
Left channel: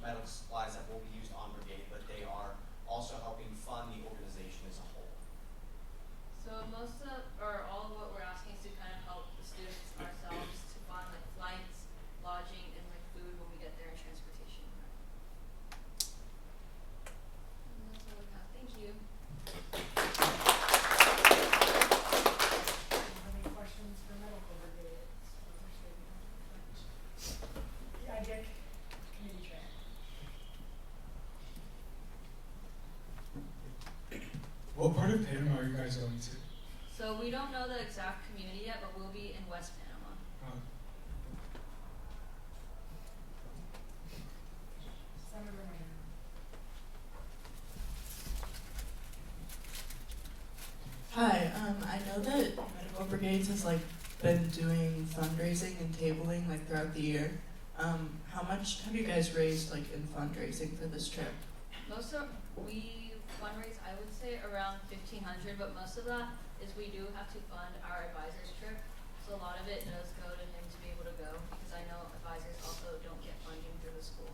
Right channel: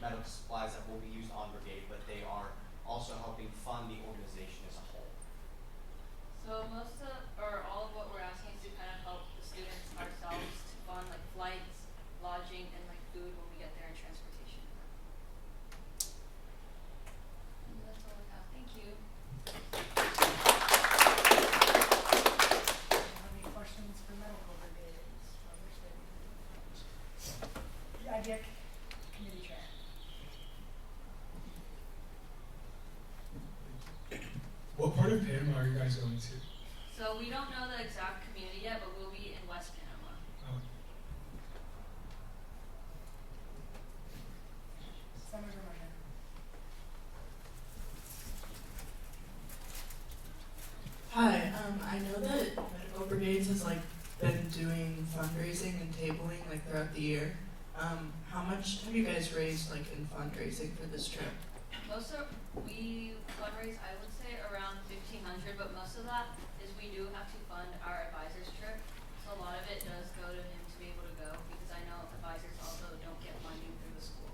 medical supplies that will be used on brigade, but they are also helping fund the organization as a whole. So most of, or all of what we're asking is to kind of help the students ourselves to fund like flights, lodging, and like food when we get there and transportation. And that's all I have. Thank you. Any questions for medical brigades? The IDEC community track. What part of Panama are you guys going to? So we don't know the exact community yet, but we'll be in West Panama. Oh. Senator Ryan. Hi, I know that Medical Brigades has like been doing fundraising and tabling like throughout the year. How much have you guys raised like in fundraising for this trip? Most of we fundraise, I would say around $1,500, but most of that is we do have to fund our advisor's trip. So a lot of it does go to him to be able to go because I know advisors also don't get funding through the school.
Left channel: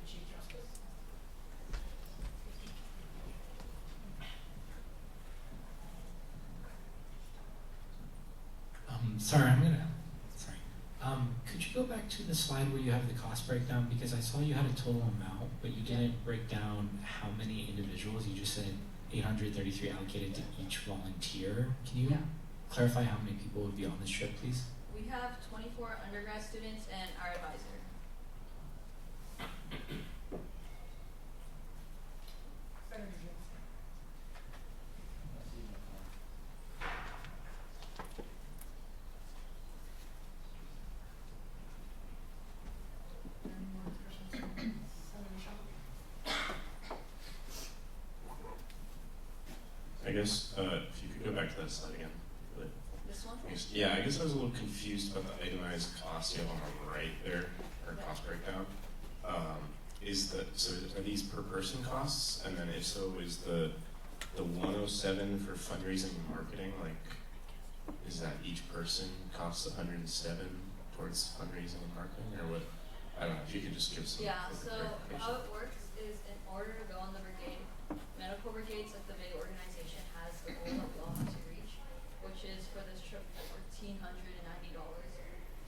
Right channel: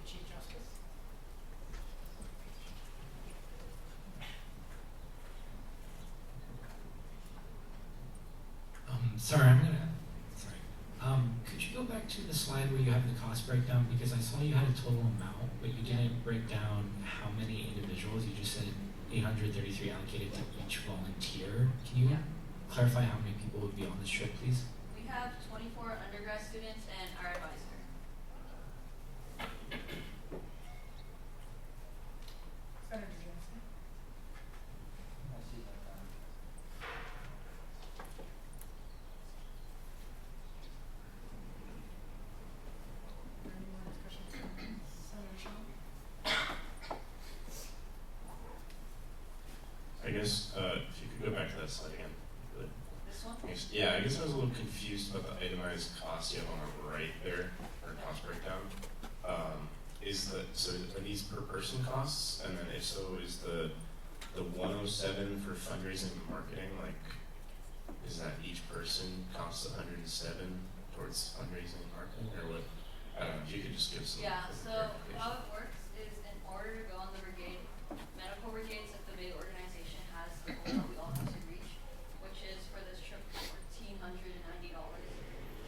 The Chief Justice. Could you go back to the slide where you have the cost breakdown? Because I saw you had a total amount, but you didn't break down how many individuals. You just said 833 allocated to each volunteer. Can you clarify how many people would be on this trip, please? We have 24 undergrad students and our advisor. I guess if you could go back to that slide again. This one? Yeah, I guess I was a little confused about the itemized costs you have on the right there, or cost breakdown. So are these per person costs? And then if so, is the 107 for fundraising and marketing, like, is that each person costs 107 towards fundraising and marketing, or what? I don't know, if you could just give some Yeah, so clarification. how it works is in order to go on the brigade, medical brigades at the big organization has the goal that we all have to reach, which is for this trip $1,490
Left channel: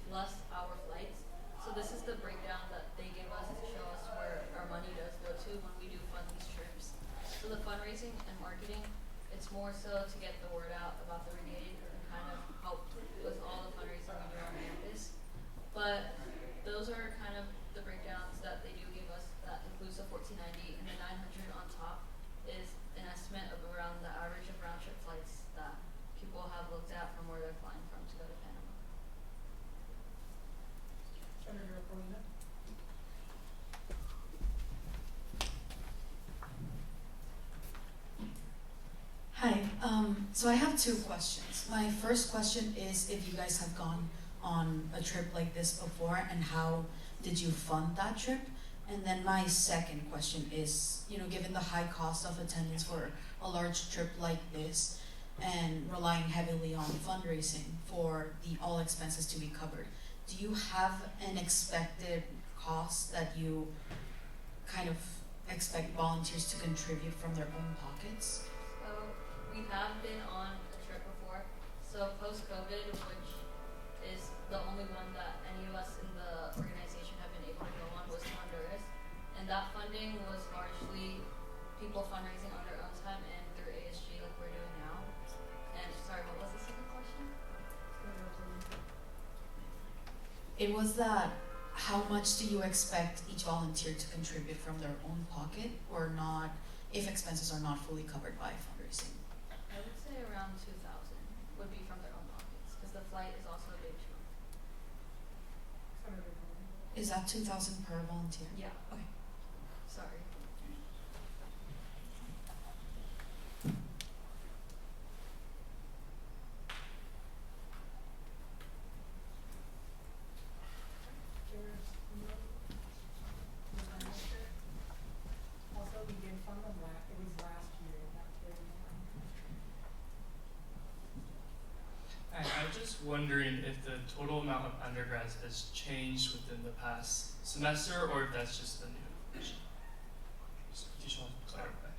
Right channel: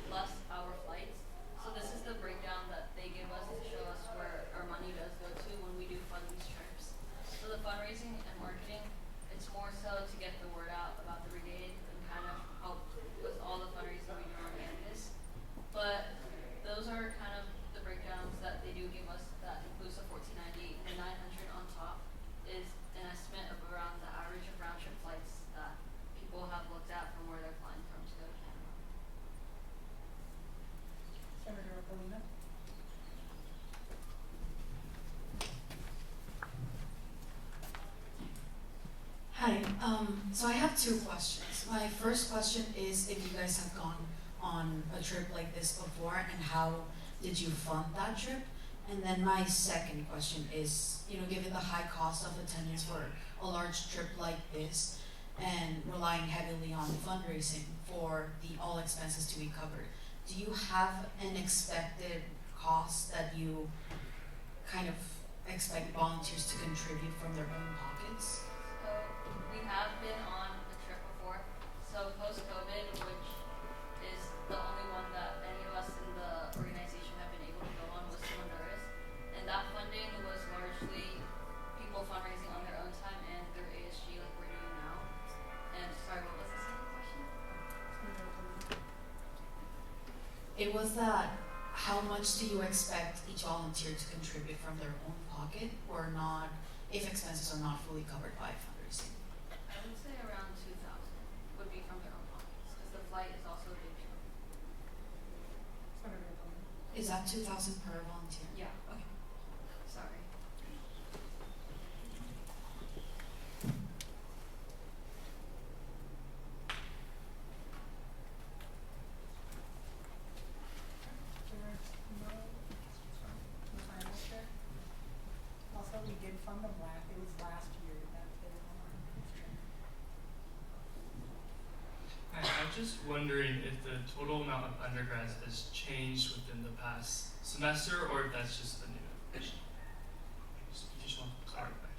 plus our flights. So this is the breakdown that they give us to show us where our money does go to when we do fund these trips. So the fundraising and marketing, it's more so to get the word out about the brigade and kind of help with all the fundraising we do on campus. But those are kind of the breakdowns that they do give us that includes the $1,490, and the $900 on top is an estimate of around the average of round trip flights that people have looked at from where they're flying from to go to Panama. Senator Polina? Hi, so I have two questions. My first question is if you guys have gone on a trip like this before and how did you fund that trip? And then my second question is, given the high cost of attendance for a large trip like this and relying heavily on fundraising for the all expenses to be covered, do you have an expected cost that you kind of expect volunteers to contribute from their own pockets? So we have been on a trip before. So post-COVID, which is the only one that any of us in the organization have been able to go on, was to Honduras. And that funding was largely people fundraising on their own time and through ASG like we're doing now. And sorry, what was the second question? It was that how much do you expect each volunteer to contribute from their own pocket or not if expenses are not fully covered by fundraising? I would say around 2,000 would be from their own pockets because the flight is also a big chunk. Senator Polina? Is that 2,000 per volunteer? Yeah. Okay. Sorry. Also, we did fund them it was last year that they were on. I'm just wondering if the total amount of undergrads has changed within the past semester, or if that's just the new addition. Just want to clarify.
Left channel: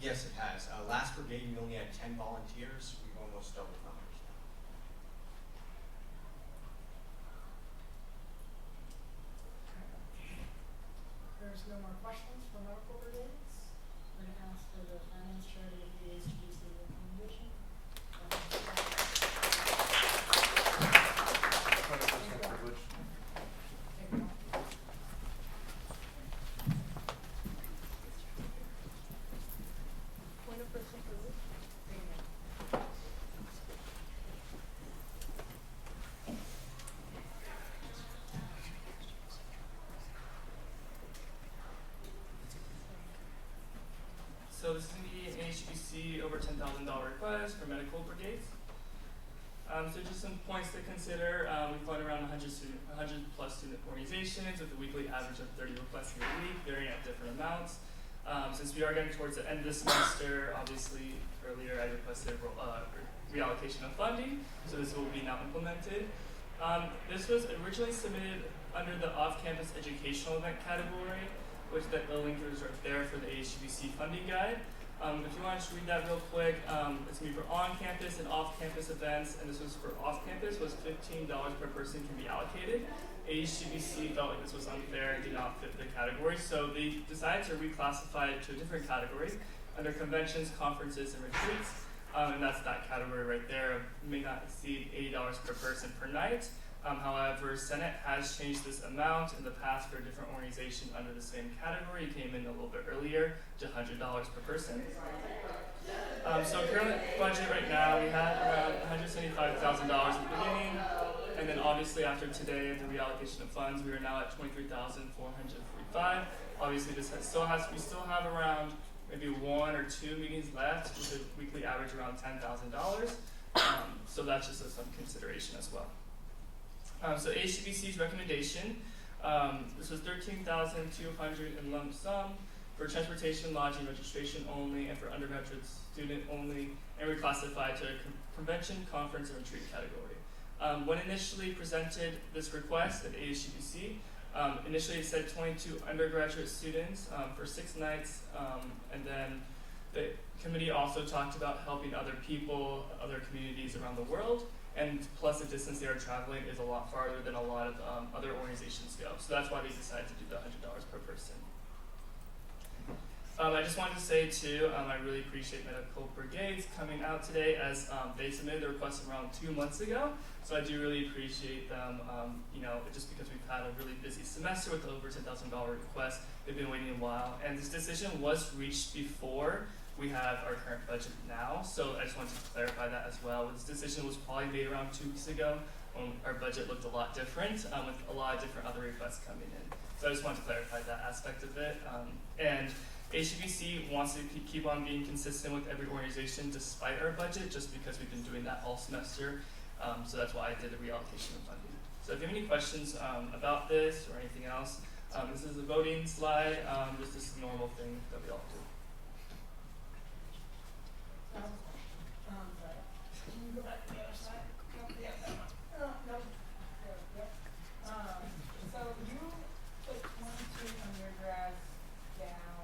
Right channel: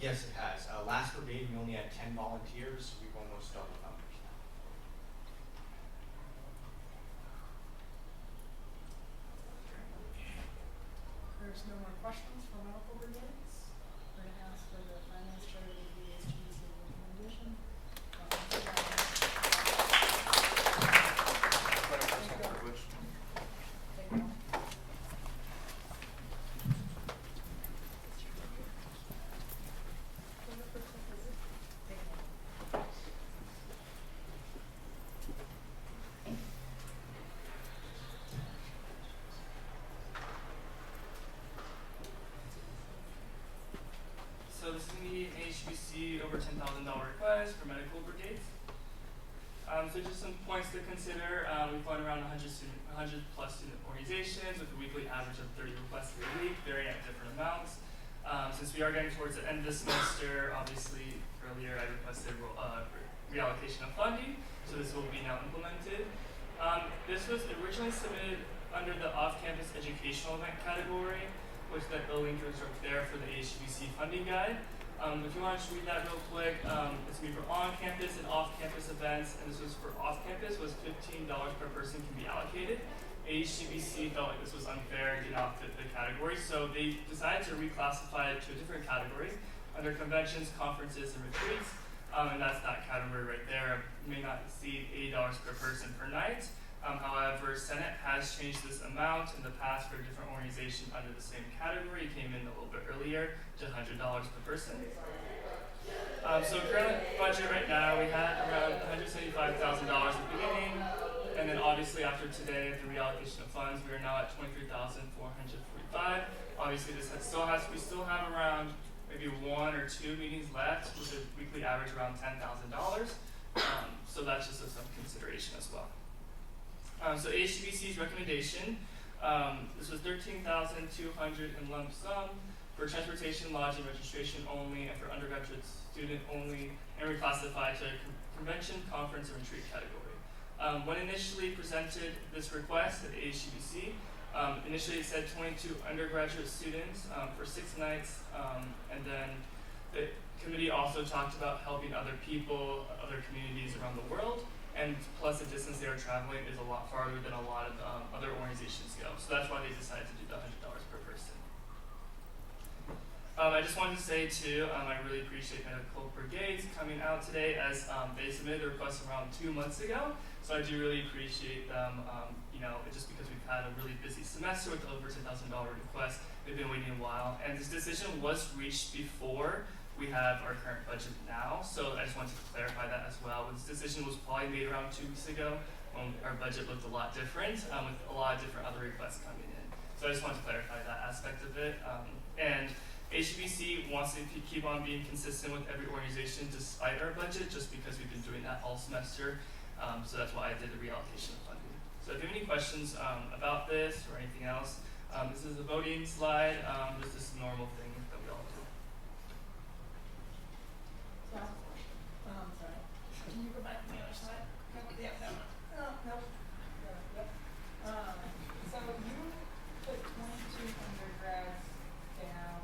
Yes, it has. Last brigade, we only had 10 volunteers. We've almost doubled numbers now. There's no more questions for medical brigades. We're gonna ask for the finance chair to give the ASG recommendation. So this is going to be an HBC over $10,000 request for medical brigades. So just some points to consider. We fund around 100 plus student organizations with a weekly average of 30 requests a week, varying at different amounts. Since we are getting towards the end of the semester, obviously earlier I requested reallocation of funding, so this will be now implemented. This was originally submitted under the off-campus educational event category, which the link is right there for the HBC funding guide. If you want to just read that real quick, it's going to be for on-campus and off-campus events, and this was for off-campus, was $15 per person can be allocated. HBC felt like this was unfair and did not fit the category, so they decided to reclassify it to a different category under conventions, conferences, and retreats, and that's that category right there. It may not exceed $80 per person per night. However, Senate has changed this amount in the past for a different organization under the same category. It came in a little bit earlier to $100 per person. So current budget right now, we had around $175,000 at the beginning, and then obviously after today, the reallocation of funds, we are now at $23,445. Obviously, we still have around maybe 1 or or 2 meetings left with a weekly average around $10,000. So that's just some consideration as well. So ASGBC's recommendation, this was $13,200 in lump sum for transportation, lodging, registration only, and for undergraduate student only, and reclassified to a convention, conference, or retreat category. When initially presented this request at ASGBC, initially it said 22 undergraduate students for 6 nights, and then the committee also talked about helping other people, other communities around the world, and plus the distance they are traveling is a lot farther than a lot of other organizations go. So that's why they decided to do the $100 per person. I just wanted to say too, I really appreciate Medical Brigades coming out today as they submitted their request around 2 months ago. So I do really appreciate them, just because we've had a really busy semester with over $10,000 requests. They've been waiting a while. And this decision was reached before we have our current budget now. So I just wanted to clarify that as well. This decision was probably made around 2 weeks ago when our budget looked a lot different with a lot of different other requests coming in. So I just wanted to clarify that aspect of it. And HBC wants to keep on being consistent with every organization despite our budget, just because we've been doing that all semester. So that's why I did the reallocation of funding. So if you have any questions about this or anything else, this is a voting slide. This is a normal thing that we all do. Sorry. Can you go back to the other side? No, yeah, no. Nope. Yep. So you put 22 undergrads down,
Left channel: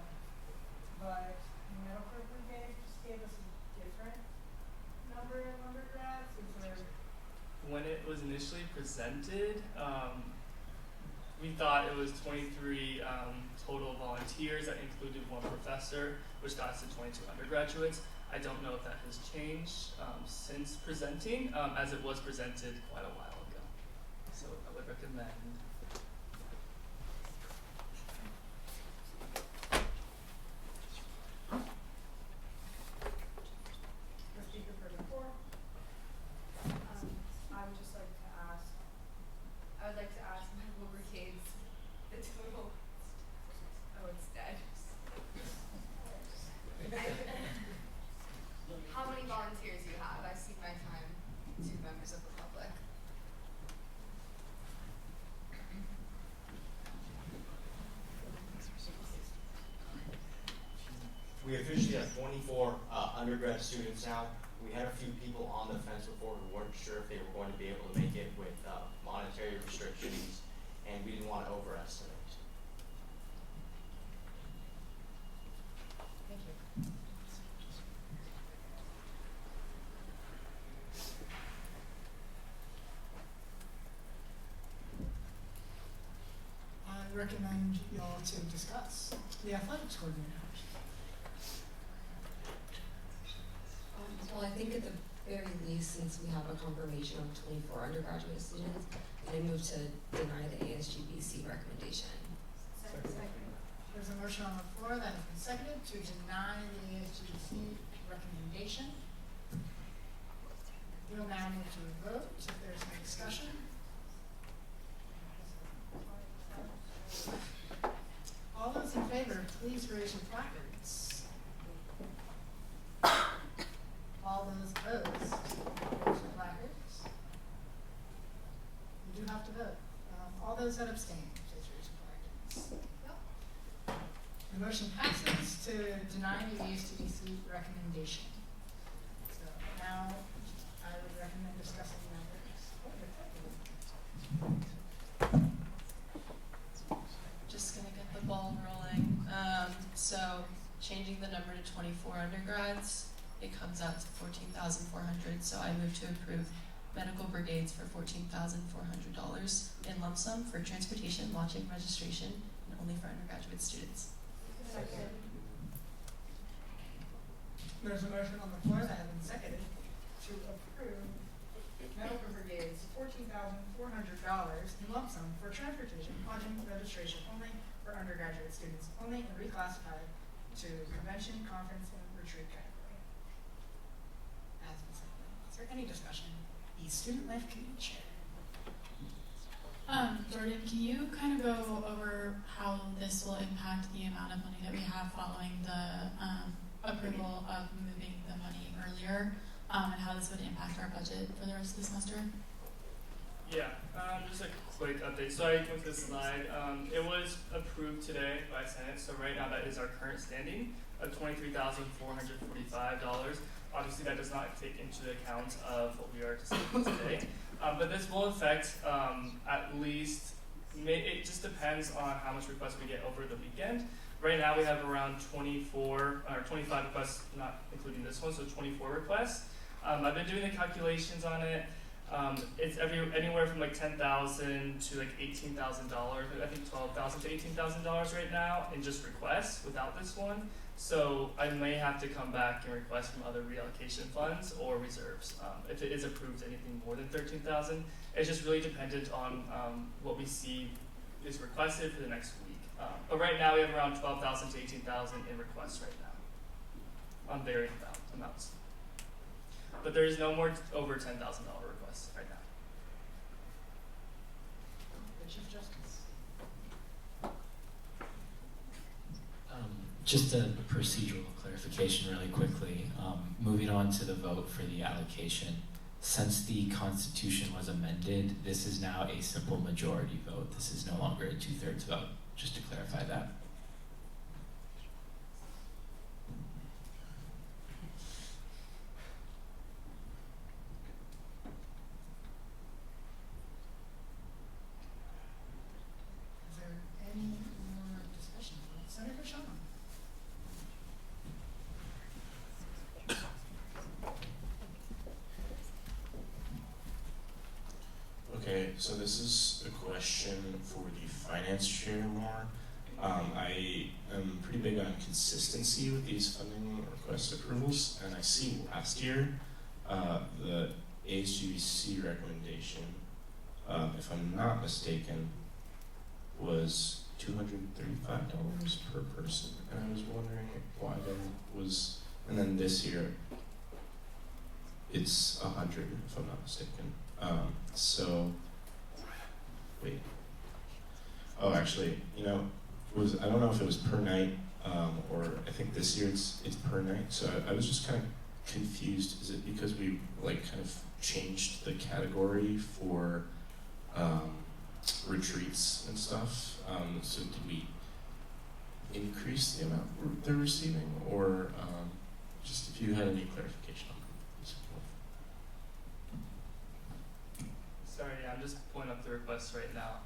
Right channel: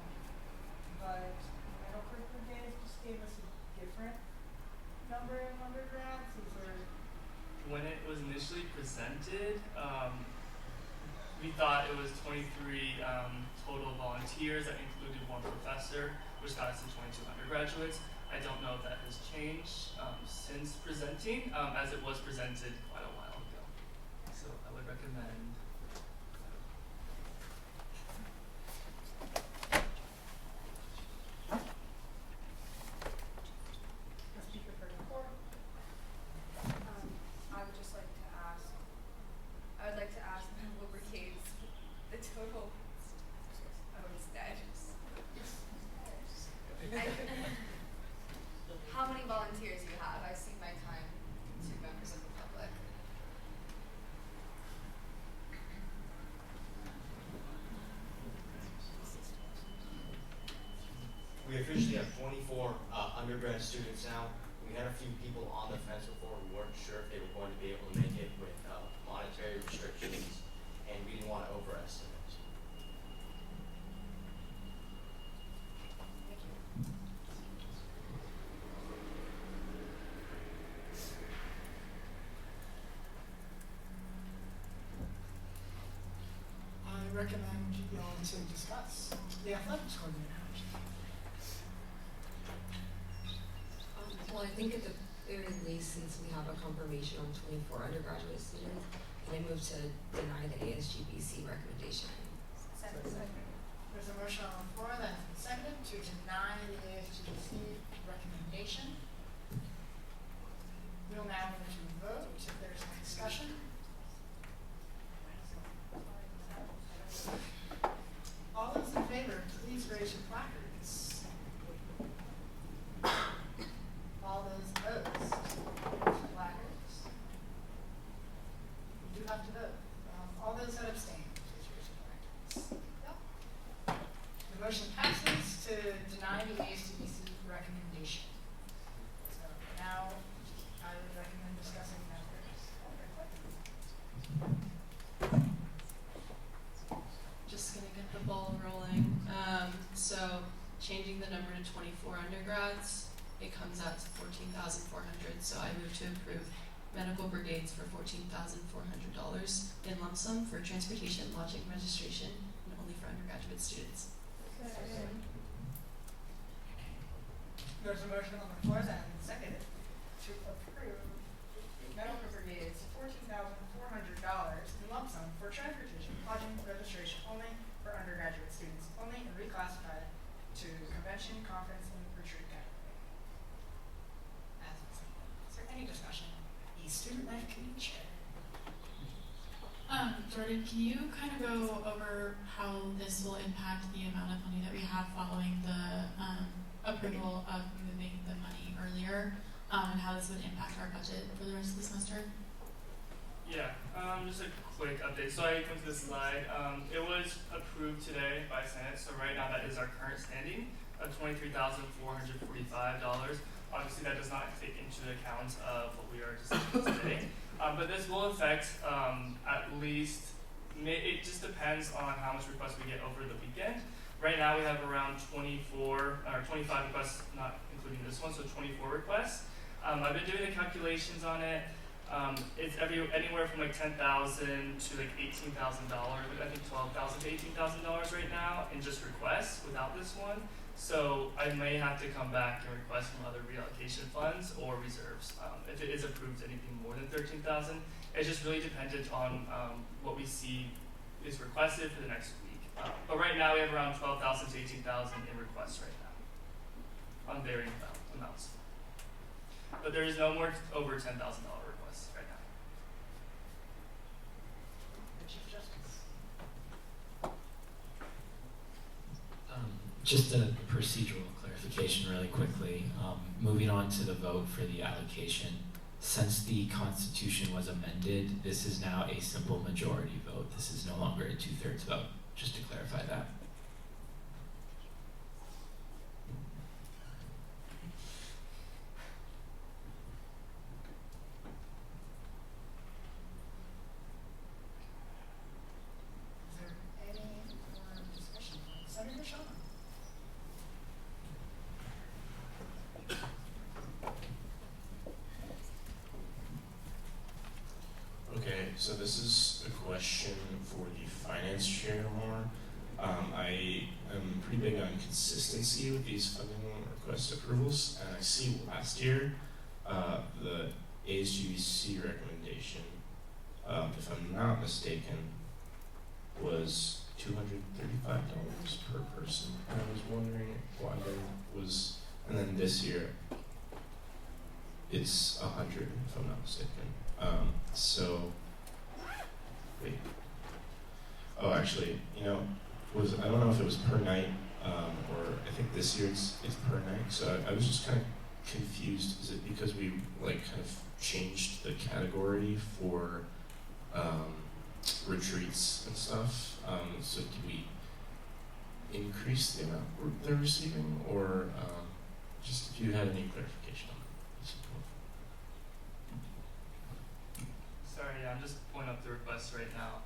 but Medical Brigade just gave us a different number of undergrads. Is there? When it was initially presented, we thought it was 23 total volunteers that included 1 professor, which got us to 22 undergraduates. I don't know if that has changed since presenting, as it was presented quite a while ago. So I would recommend. The speaker for the floor. I would just like to ask, Medical Brigades, the total, oh, it's dead. How many volunteers you have? I cede my time to members of the public. We officially have 24 undergrad students now. We had a few people on the fence before. We weren't sure if they were going to be able to make it with monetary restrictions, and we didn't want to overestimate. Thank you. I recommend you all to discuss the athletics coordinator. Well, I think at the very least, since we have a confirmation of 24 undergraduate students, I move to deny the ASGBC recommendation. Second. There's a motion on the floor that has been seconded to deny the ASGBC recommendation. We'll now move to a vote. If there's any discussion. All those in favor, please raise your placards. All those opposed, placards. You do have to vote. All those that abstain, please raise your placards. Yep. The motion passes to deny the ASGBC recommendation. So now I would recommend discussing matters. Just gonna get the ball rolling. So changing the number to 24 undergrads, it comes out to $14,400. So I move to approve Medical Brigades for $14,400 in lump sum for transportation, lodging, registration, and only for undergraduate students. There's a motion on the floor that has been seconded to approve Medical Brigades $14,400 in lump sum for transportation, lodging, registration only for undergraduate students only, and reclassified to convention, conference, and retreat category. As been seconded. Is there any discussion? The Student Life Committee Chair. Jordan, can you kind of go over how this will impact the amount of money that we have following the approval of moving the money earlier, and how this would impact our budget for the rest of the semester. Yeah, just a quick update. So I went to the slide. It was approved today by Senate. So right now that is our current standing of $23,445. Obviously that does not take into account of what we are discussing today. But this will affect at least, it just depends on how much requests we get over the weekend. Right now we have around 25 requests, not including this one, so 24 requests. I've been doing the calculations on it. It's anywhere from like $10,000 to like $18,000. I think $12,000 to $18,000 right now in just requests without this one. So I may have to come back and request from other reallocation funds or reserves. If it is approved anything more than $13,000, it's just really dependent on what we see is requested for the next week. But right now we have around $12,000 to $18,000 in requests right now on varying amounts. But there is no more over $10,000 requests right now. The Chief Justice. Just a procedural clarification really quickly. Moving on to the vote for the allocation. Since the Constitution was amended, this is now a simple majority vote. This is no longer a 2/3 vote, just to clarify that. Is there any more discussion? Senator Shaw. Okay, so this is a question for the finance chair more. I am pretty big on consistency with these funding request approvals, and I see last year the ASGC recommendation, if I'm not mistaken, was $235 per person. And I was wondering why there was, and then this year it's $100 if I'm not mistaken. So, wait. Oh, actually, you know, I don't know if it was per night, or I think this year it's per night. So I was just kind of confused. Is it because we like kind of changed the category for retreats and stuff? So did we increase the amount they're receiving, or just if you had any clarification on that? Sorry, yeah, I'm just pulling up the requests right now.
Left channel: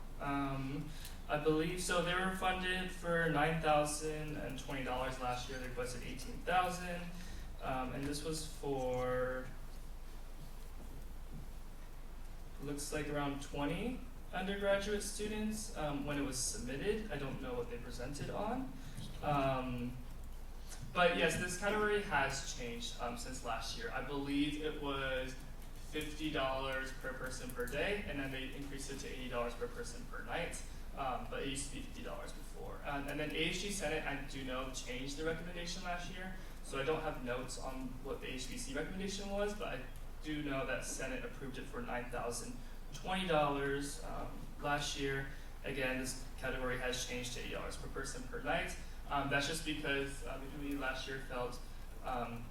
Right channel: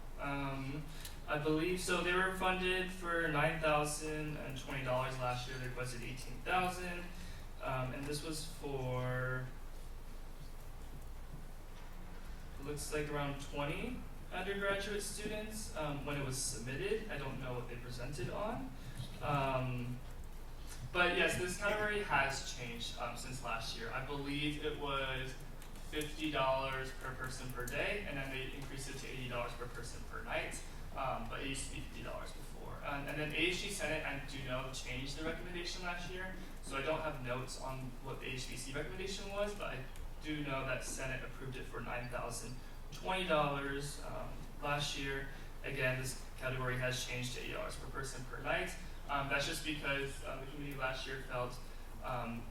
I believe so. They were funded for $9,020 last year. They requested $18,000, and this was for looks like around 20 undergraduate students when it was submitted. I don't know what they presented on, but yes, this category has changed since last year. I believe it was $50 per person per day, and then they increased it to $80 per person per night. But it used to be $50 before. And then ASG Senate, I do know, changed the recommendation last year, so I don't have notes on what the HBC recommendation was, but I do know that Senate approved it for $9,020 last year. Again, this category has changed to $80 per person per night. That's just because the committee last year felt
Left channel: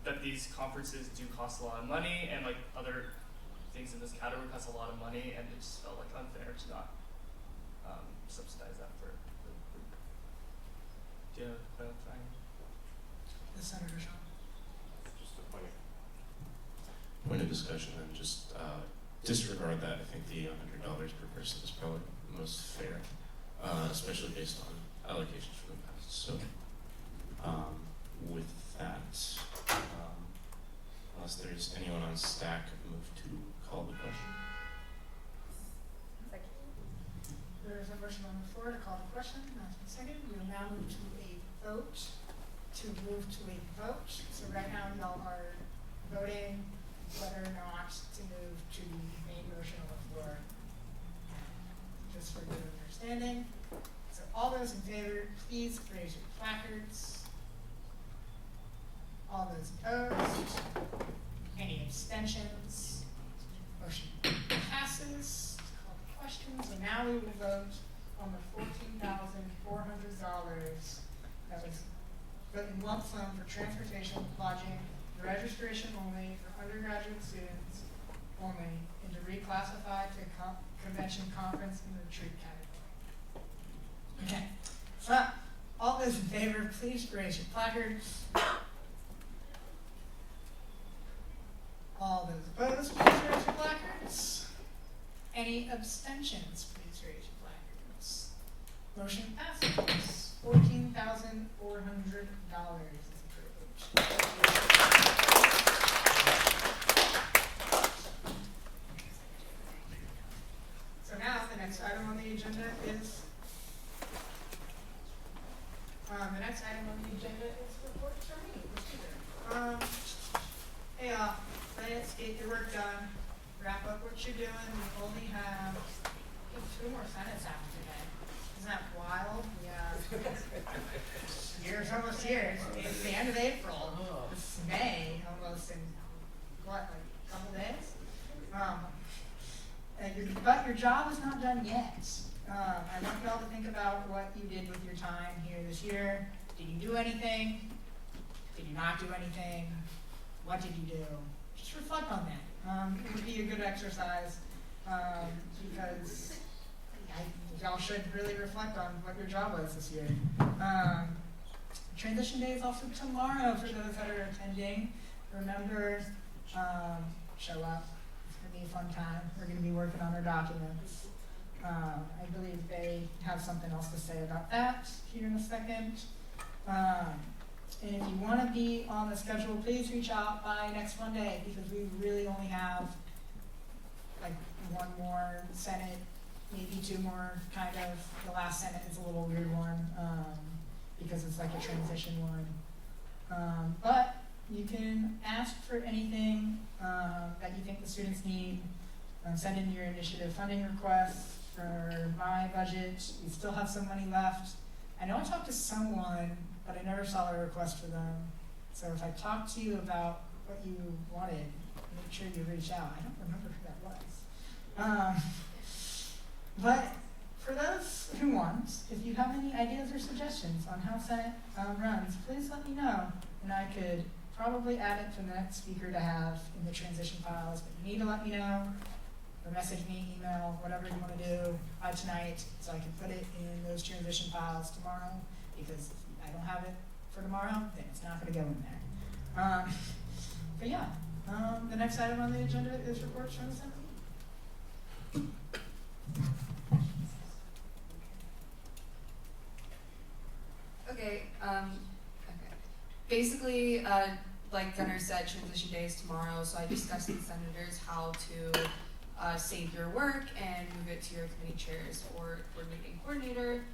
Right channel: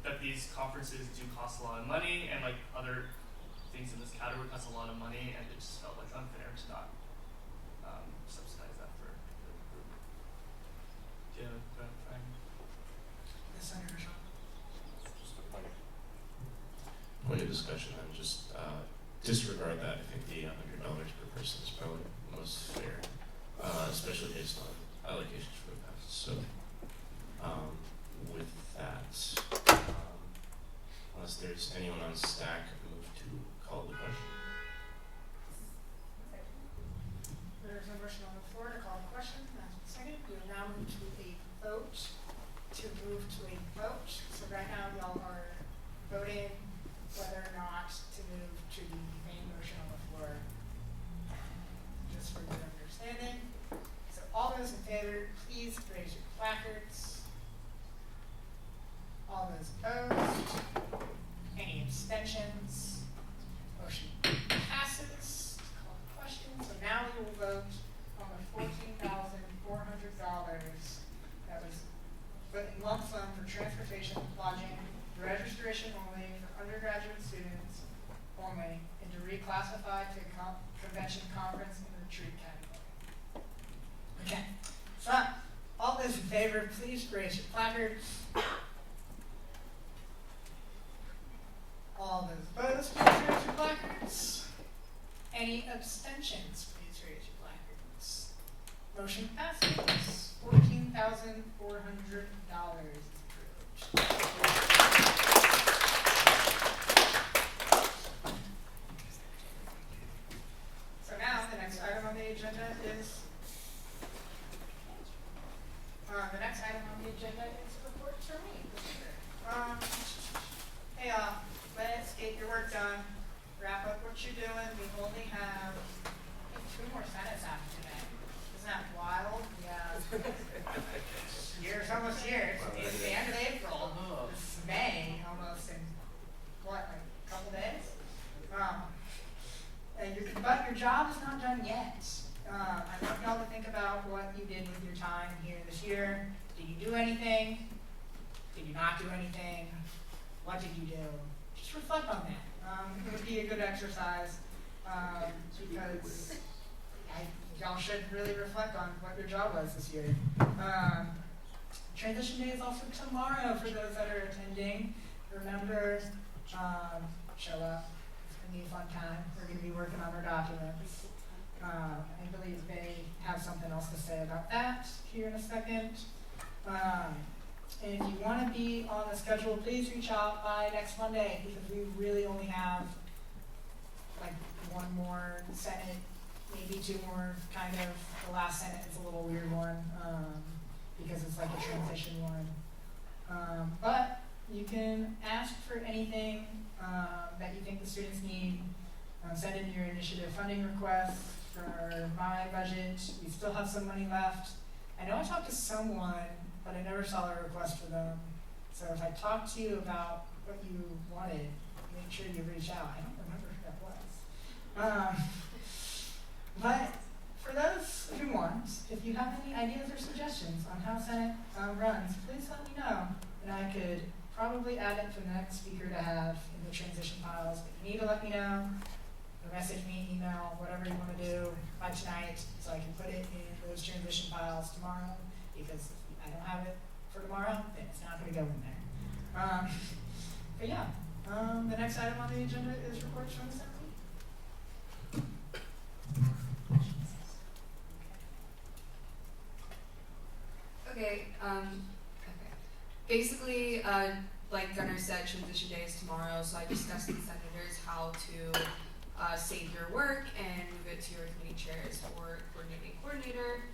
that these conferences do cost a lot of money, and like other things in this category cost a lot of money, and it just felt like unfair to not subsidize that for the group. Do you have a clarifying? The Senator Shaw. Just a point of discussion, and just disregard that. I think the $100 per person is probably the most fair, especially based on allocations for the past. So, with that, unless there's anyone on stack, I move to call the question. There's a motion on the floor to call the question. That's been seconded. We will now move to a vote. So right now y'all are voting whether or not to move to the main motion on the floor. Just for your understanding. So all those in favor, please raise your placards. All those opposed? Any abstentions? Motion passes. Call the question. So now we will vote on the $14,400 that was put in lump sum for transportation, lodging, registration only for undergraduate students only, and to reclassify to convention, conference, and retreat category. Okay, so all those in favor, please raise your placards. All those opposed, please raise your placards. Any abstentions, please raise your placards. Motion passes. $14,400 is approved. So now the next item on the agenda is reports from me, the speaker. Hey, let's get your work done. Wrap up what you're doing. We only have 2 more Senates after today. Isn't that wild? Yeah. Year's almost here. It's the end of April. It's May almost in what, like a couple days? But your job is not done yet. I want y'all to think about what you did with your time here this year. Did you do anything? Did you not do anything? What did you do? Just reflect on that. It would be a good exercise because y'all should really reflect on what your job was this year. Transition Day is also tomorrow for those that are attending. Remember, show up. It's going to be a fun time. We're going to be working on our documents. I believe they have something else to say about that here in a second. And if you want to be on the schedule, please reach out by next Monday because we really only have like 1 more Senate, maybe 2 more kind of. The last Senate is a little weird one because it's like a transition one. But you can ask for anything that you think the students need. Send in your initiative funding requests for my budget. We still have some money left. I know I talked to someone, but I never saw a request for them. So if I talked to you about what you wanted, make sure you reach out. I don't remember who that was. But for those who want, if you have any ideas or suggestions on how Senate runs, please let me know. And I could probably add it for the next speaker to have in the transition files. But you need to let me know, or message me, email, whatever you want to do by tonight so I can put it in those transition files tomorrow. Because if I don't have it for tomorrow, then it's not going to go in there. But yeah, the next item on the agenda is reports from the Senate. Okay, basically, like Gunnar said, transition day is tomorrow, so I discussed with senators how to save your work and move it to your committee chairs or coordinating coordinator.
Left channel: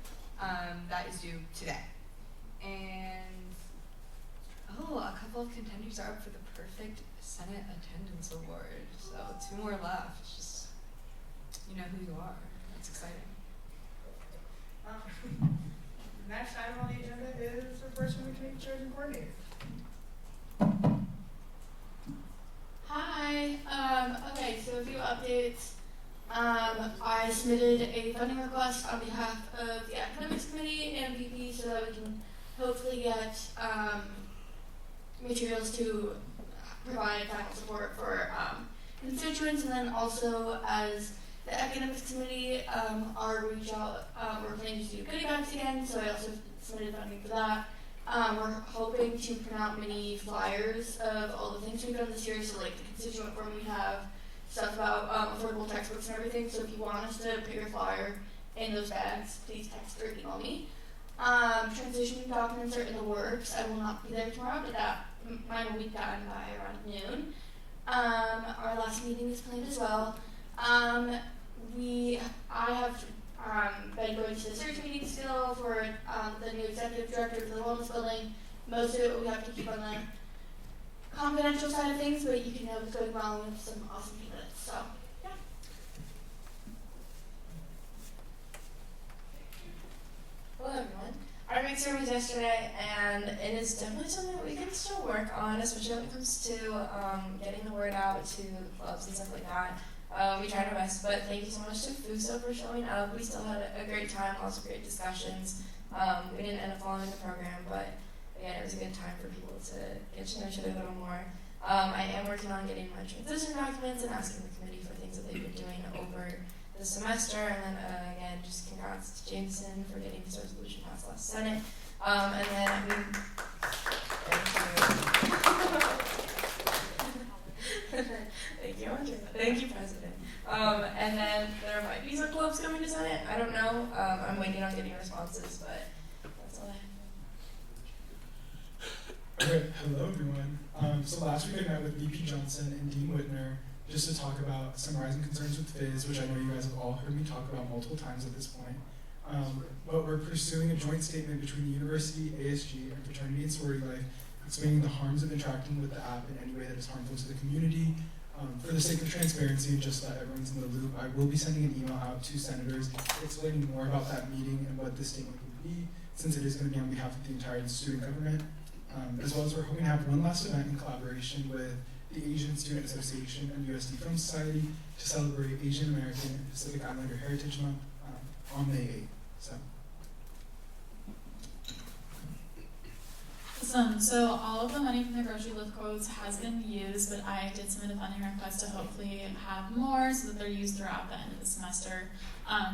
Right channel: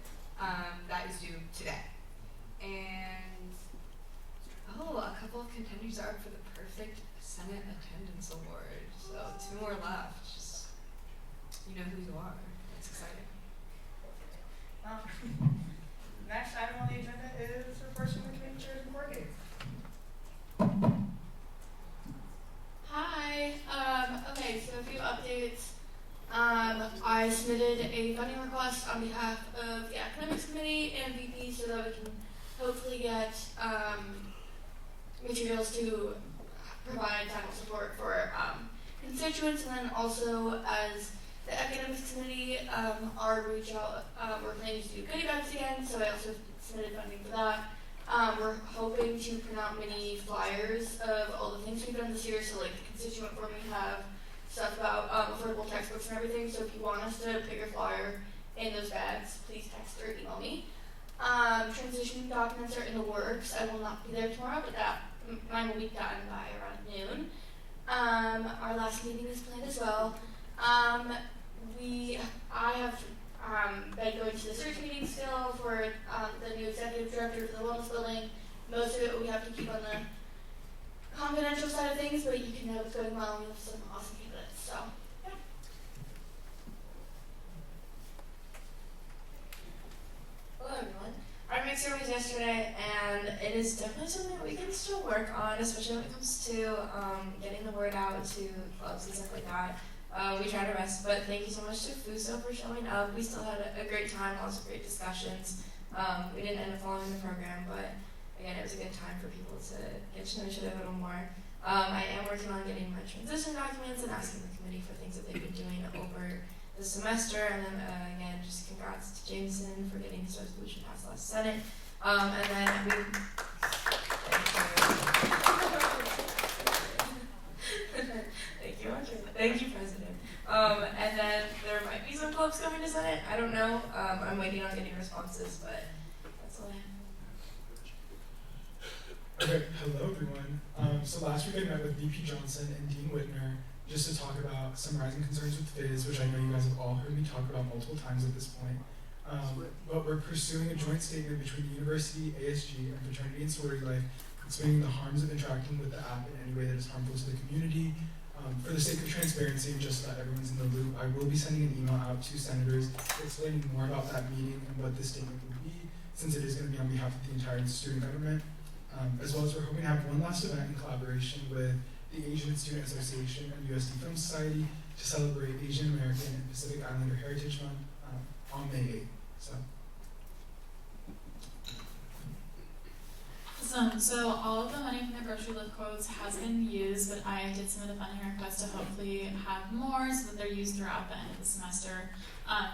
That is due today. And, a couple of contenders are up for the perfect Senate attendance award. So 2 more left, just, you know who you are. That's exciting. Next item on the agenda is reports from the committee chairs and coordinators. Hi. Okay, so a few updates. I submitted a funding request on behalf of the academics committee and VP so that we can hopefully get materials to provide final support for constituents, and then also as the academics committee, our reach out, we're planning to do goodie bags again, so I also submitted funding for that. We're hoping to print out mini flyers of all the things we've done this year, so like the constituent form we have, stuff about affordable textbooks and everything, so if you want us to put your flyer in those bags, please text or email me. Transition documents are in the works. I will not be there tomorrow, but mine will be done by around noon. Our last meeting is planned as well. I have been going to the search meeting still for the new executive director for the wellness building. Most of it we have to keep on the confidential side of things, but you can know what's going on. We have some awesome candidates, so yeah. Hello everyone. Our mixer was yesterday, and it is definitely something that we can still work on, especially when it comes to getting the word out to clubs and stuff like that. We tried our best, but thank you so much to Fuso for showing up. We still had a great time, lots of great discussions. We didn't end up following the program, but again, it was a good time for people to get to know each other a little more. I am working on getting my transition documents and asking the committee for things that they've been doing over the semester. And then again, just congrats to Jameson for getting his resolution passed last Senate. And then thank you, Andre. Thank you, President. And then there might be some clubs coming to Senate. I don't know. I'm waiting on getting responses, but that's all I have. Okay, hello everyone. So last week I met with VP Johnson and Dean Whitner just to talk about some rising concerns with FIS, which I know you guys have all heard me talk about multiple times at this point. But we're pursuing a joint statement between the university, ASG, and fraternity and sorority life, explaining the harms of interacting with the app in any way that is harmful to the community. For the sake of transparency and just so that everyone's in the loop, I will be sending an email out to senators explaining more about that meeting and what this statement will be, since it is going to be on behalf of the entire student government. As well as we're hoping to have one last event in collaboration with the Asian Student Association and USD Film Society to celebrate Asian American and Pacific Islander Heritage Month on May 8th. So. Awesome. So all of the money from the grocery lift quotes has been used, but I did submit a funding request to hopefully have more so that they're used throughout the end of the semester.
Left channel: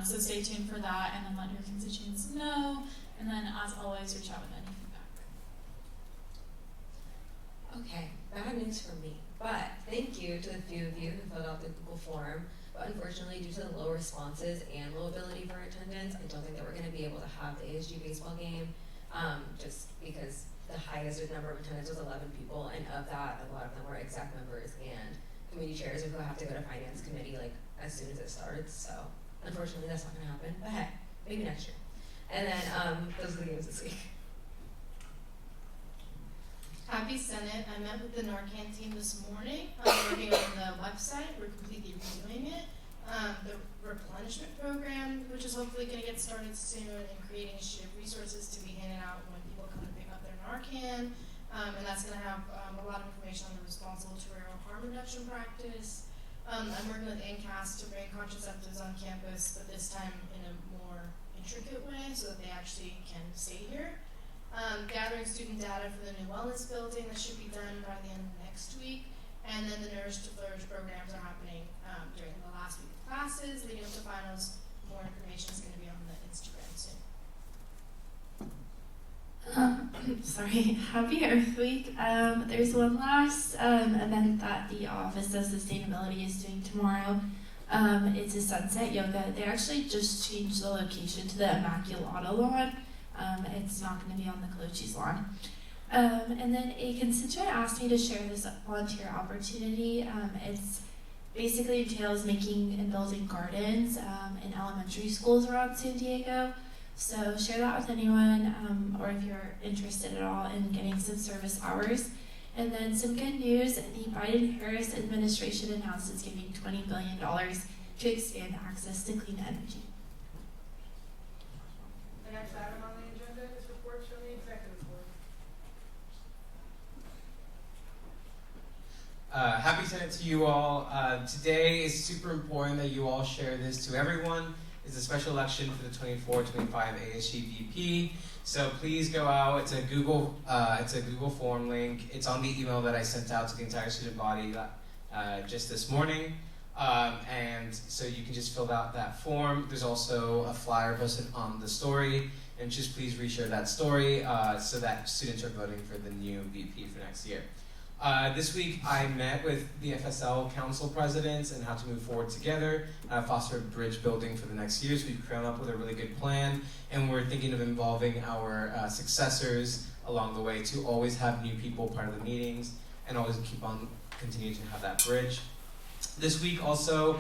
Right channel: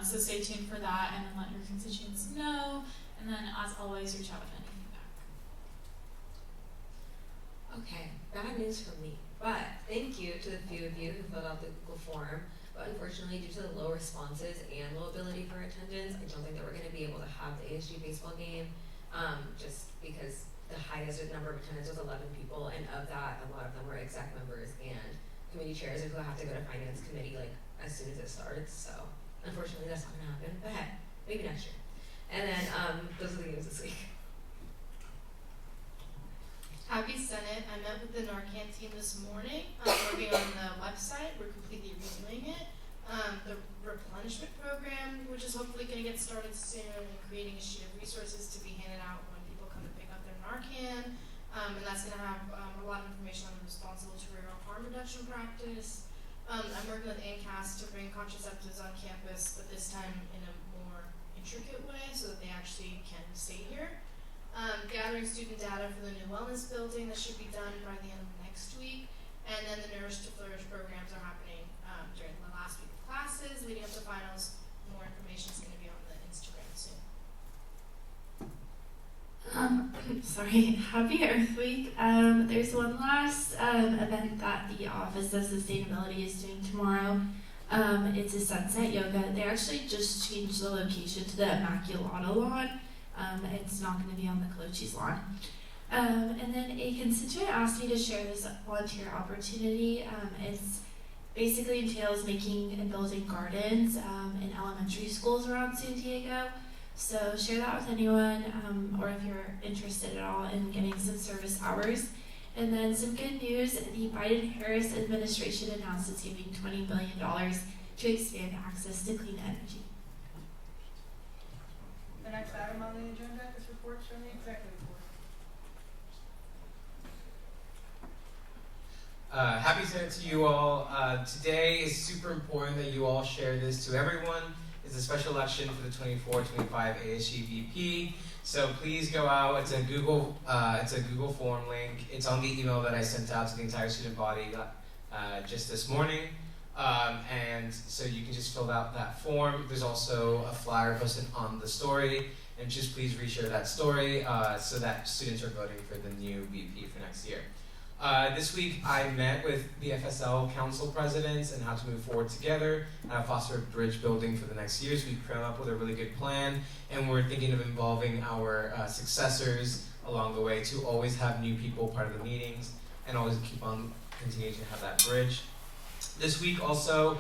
So stay tuned for that, and then let your constituents know. And then, as always, reach out with any feedback. Okay, bad news for me, but thank you to the few of you who filled out the Google form. But unfortunately, due to the low responses and low ability for attendance, I don't think that we're going to be able to have the ASG baseball game, just because the highest number of attendance was 11 people, and of that, a lot of them were exec members and committee chairs who have to go to finance committee like as soon as it starts. So unfortunately, that's not going to happen. But hey, maybe next year. And then those are the games this week. Happy Senate. I met with the Narcan team this morning. I'm working on the website. We're completely redoing it. The replenishment program, which is hopefully going to get started soon, and creating a sheet of resources to be handed out when people come to pick up their Narcan. And that's going to have a lot of information on the responsible terrestrial harm reduction practice. I'm working with ANCAS to bring contraceptives on campus, but this time in a more intricate way so that they actually can stay here. Gathering student data for the new wellness building that should be done by the end of next week. And then the Nourish to Flourish programs are happening during the last week of classes, leading up to finals. More information is going to be on the Instagram soon. Sorry, Happy Earth Week. There's one last event that the Office of Sustainability is doing tomorrow. It's a sunset yoga. They actually just changed the location to the Immaculata lawn. It's not going to be on the Colochi's lawn. And then a constituent asked me to share this volunteer opportunity. It's basically entails making and building gardens in elementary schools around San Diego. So share that with anyone, or if you're interested at all in getting some service hours. And then some good news, the Biden-Harris administration announced it's giving $20 billion to expand access to clean energy. The next item on the agenda is reports from the executive board. Happy Senate to you all. Today is super important that you all share this to everyone. It's a special election for the 24-25 ASG VP. So please go out. It's a Google form link. It's on the email that I sent out to the entire student body just this morning. And so you can just fill out that form. There's also a flyer posted on the story. And just please reshare that story so that students are voting for the new VP for next year. This week I met with the FSL council presidents and how to move forward together, foster a bridge building for the next years. We've come up with a really good plan, and we're thinking of involving our successors along the way to always have new people part of the meetings and always keep on continuing to have that bridge. This week also,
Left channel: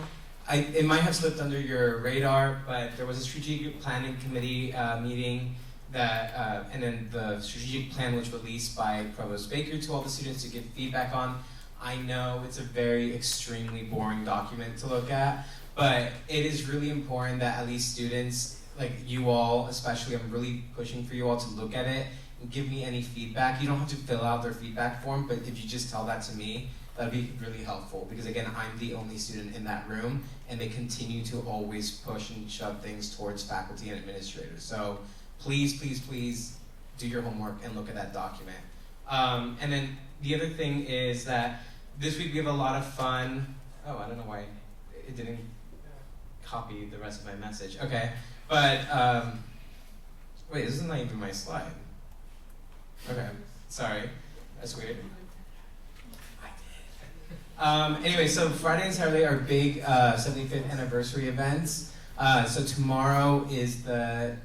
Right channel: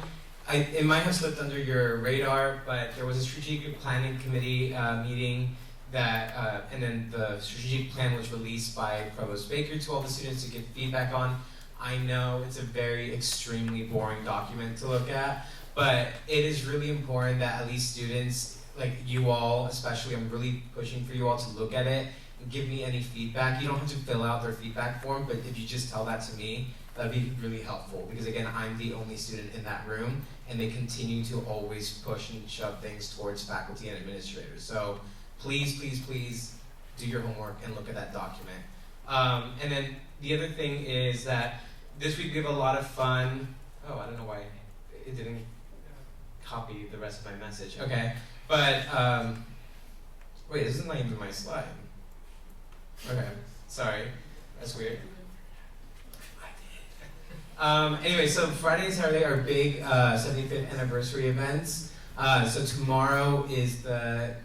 it might have slipped under your radar, but there was a strategic planning committee meeting that, and then the strategic plan was released by Provost Baker to all the students to give feedback on. I know it's a very extremely boring document to look at, but it is really important that at least students, like you all especially, I'm really pushing for you all to look at it and give me any feedback. You don't have to fill out their feedback form, but if you just tell that to me, that'd be really helpful, because again, I'm the only student in that room, and they continue to always push and shove things towards faculty and administrators. So please, please, please do your homework and look at that document. And then the other thing is that this week we have a lot of fun. Oh, I don't know why it didn't copy the rest of my message. Okay, but wait, this is not even my slide. Okay, sorry, that's weird. Anyway, so Friday and Saturday are big 75th anniversary events. So tomorrow is the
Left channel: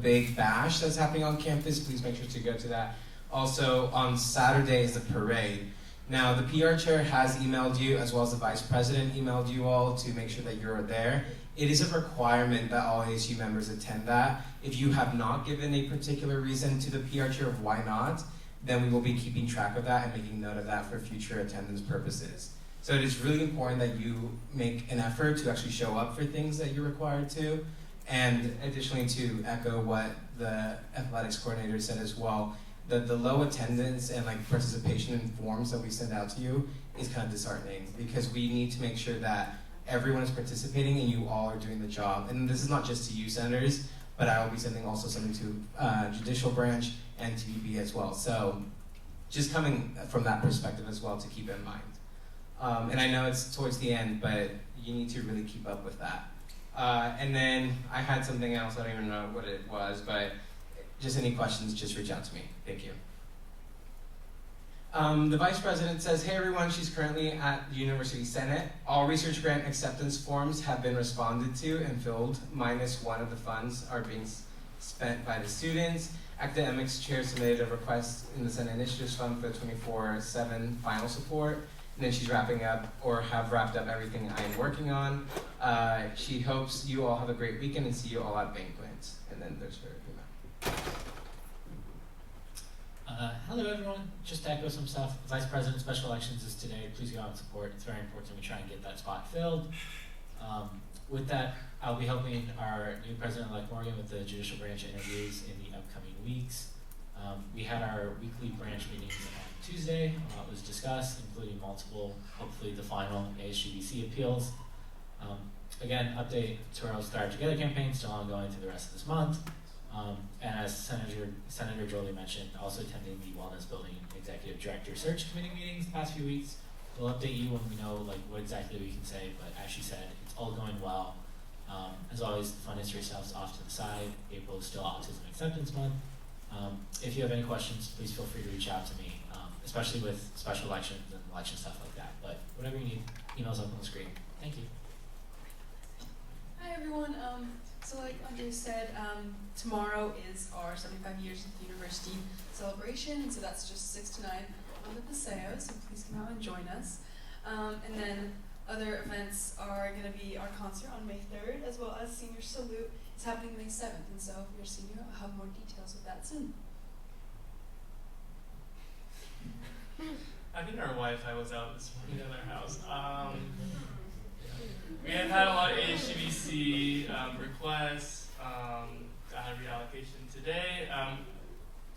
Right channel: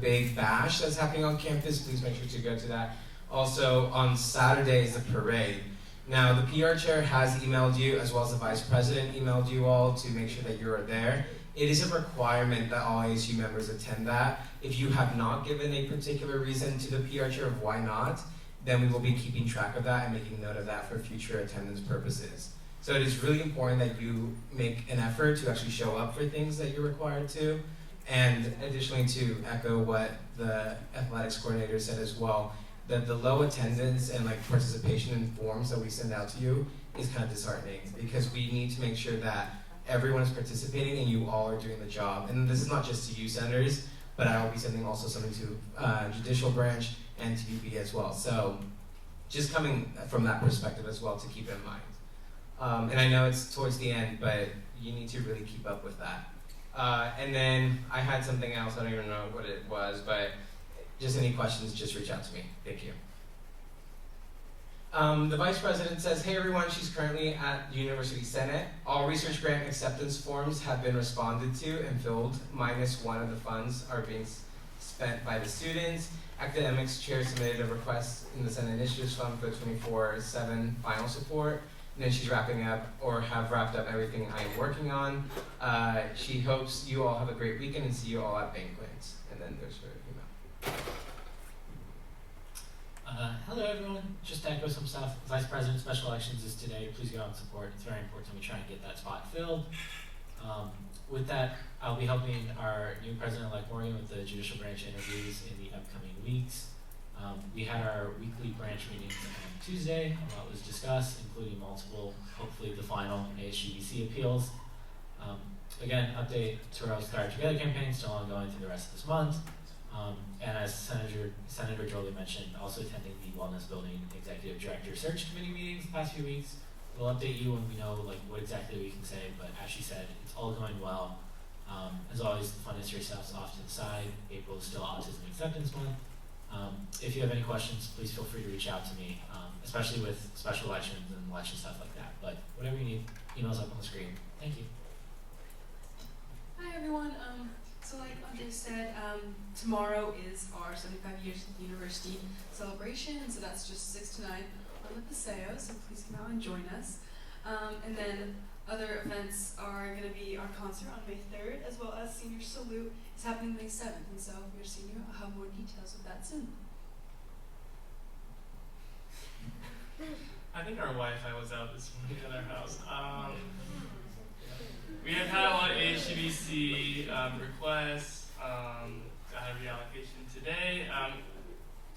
big bash that's happening on campus. Please make sure to go to that. Also, on Saturday is the parade. Now, the PR chair has emailed you, as well as the vice president emailed you all to make sure that you're there. It is a requirement that all ASU members attend that. If you have not given a particular reason to the PR chair of why not, then we will be keeping track of that and making note of that for future attendance purposes. So it is really important that you make an effort to actually show up for things that you're required to. And additionally, to echo what the athletics coordinator said as well, that the low attendance and participation in forms that we send out to you is kind of disheartening, because we need to make sure that everyone is participating and you all are doing the job. And this is not just to you senators, but I will be sending also something to judicial branch and to UB as well. So just coming from that perspective as well to keep in mind. And I know it's towards the end, but you need to really keep up with that. And then I had something else, I don't even know what it was, but just any questions, just reach out to me. Thank you. The vice president says, hey everyone, she's currently at University Senate. All research grant acceptance forms have been responded to and filled, -1 of the funds are being spent by the students. Academics chair submitted a request in the Senate Initiatives Fund for 24/7 final support. And then she's wrapping up, or have wrapped up everything I am working on. She hopes you all have a great weekend and see you all at banquets. And then there's her email. Hello everyone, just to echo some stuff. Vice President Special Elections is today. Please go out and support. It's very important we try and get that spot filled. With that, I'll be helping our new President-elect Morgan with the judicial branch interviews in the upcoming weeks. We had our weekly branch meetings on Tuesday. A lot was discussed, including multiple, hopefully the final ASGBC appeals. Again, update to our Start Together campaign, still ongoing through the rest of this month. And as Senator Jolie mentioned, also attending the Wellness Building Executive Director Search Committee meetings the past few weeks. We'll update you when we know what exactly we can say, but as she said, it's all going well. As always, the fun is yourselves off to the side. April is still Autism Acceptance Month. If you have any questions, please feel free to reach out to me, especially with special elections and election stuff like that. But whatever you need, email's up on the screen. Thank you. Hi everyone. So like Andre said, tomorrow is our 75 years at the university celebration, and so that's just 6 to 9 on the Paseo, so please come out and join us. And then other events are going to be our concert on May 3rd, as well as Senior Salute is happening May 7th, and so if you're a senior, I'll have more details of that soon. I think our Wi-Fi was out this morning at our house. We have had a lot of HGBC requests. I had a reallocation today.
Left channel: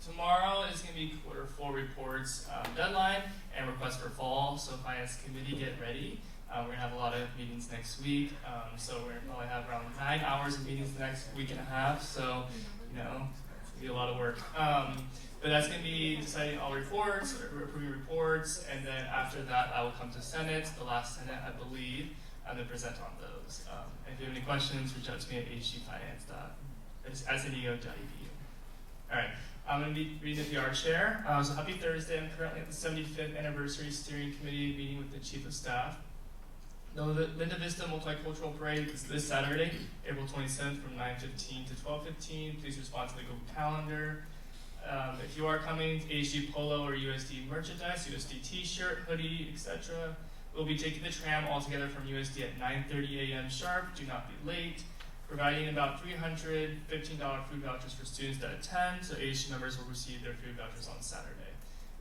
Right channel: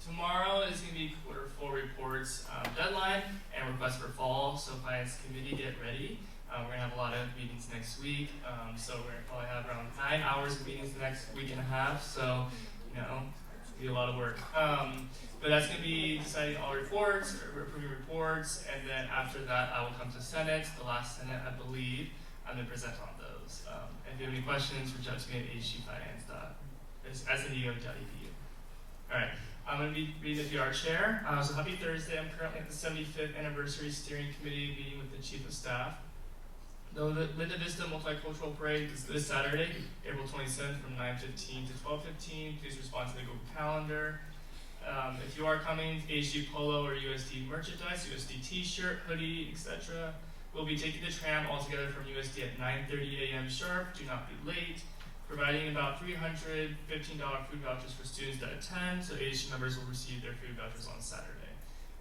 Tomorrow is going to be quarter 4 reports deadline and request for fall. So Finance Committee, get ready. We're going to have a lot of meetings next week. So we're going to probably have around 9 hours of meetings the next week and a half. So, it's going to be a lot of work. But that's going to be deciding all reports, or approving reports, and then after that I will come to Senate, the last Senate I believe, and then present on those. And if you have any questions, reach out to me at hgfinance.sneo.edu. Alright, I'm going to be reading the PR chair. So happy Thursday. I'm currently at the 75th Anniversary Steering Committee meeting with the Chief of Staff. The Linda Vista Multicultural Parade is this Saturday, April 27th from 9:15 to 12:15. Please respond to the Google Calendar. If you are coming, ASG Polo or USD merchandise, USD t-shirt, hoodie, etc. We'll be taking the tram all together from USD at 9:30 a.m. sharp. Do not be late. Providing about $315 food vouchers for students that attend, so ASG members will receive their food vouchers on Saturday.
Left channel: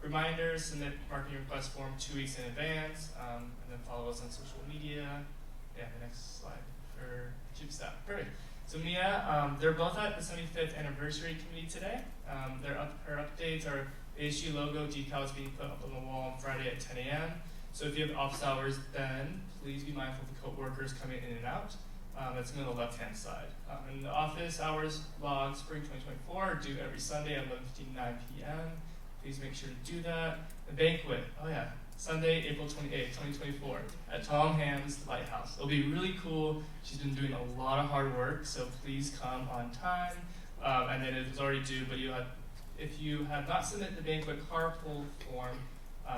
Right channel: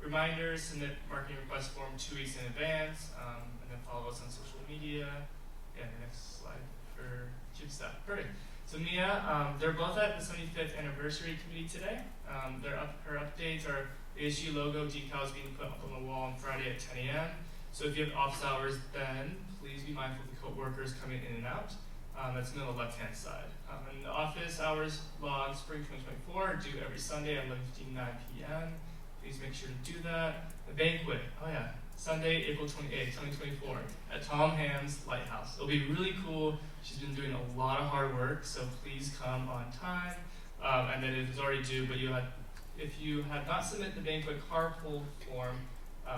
Reminder, submit marketing request form 2 weeks in advance, and then follow us on social media. Yeah, the next slide for Chief Staff. Perfect. So Mia, they're both at the 75th Anniversary Committee today. Her updates are ASG logo decals being put up on the wall on Friday at 10 a.m. So if you have office hours then, please be mindful of the co-workers coming in and out. That's on the left-hand side. And the office hours log spring 2024 are due every Sunday at 11:59 p.m. Please make sure to do that. The banquet, oh yeah, Sunday, April 28th, 2024, at Tom Ham's Lighthouse. It'll be really cool. She's been doing a lot of hard work, so please come on time. And then it is already due, but if you have not submitted the banquet carpool form,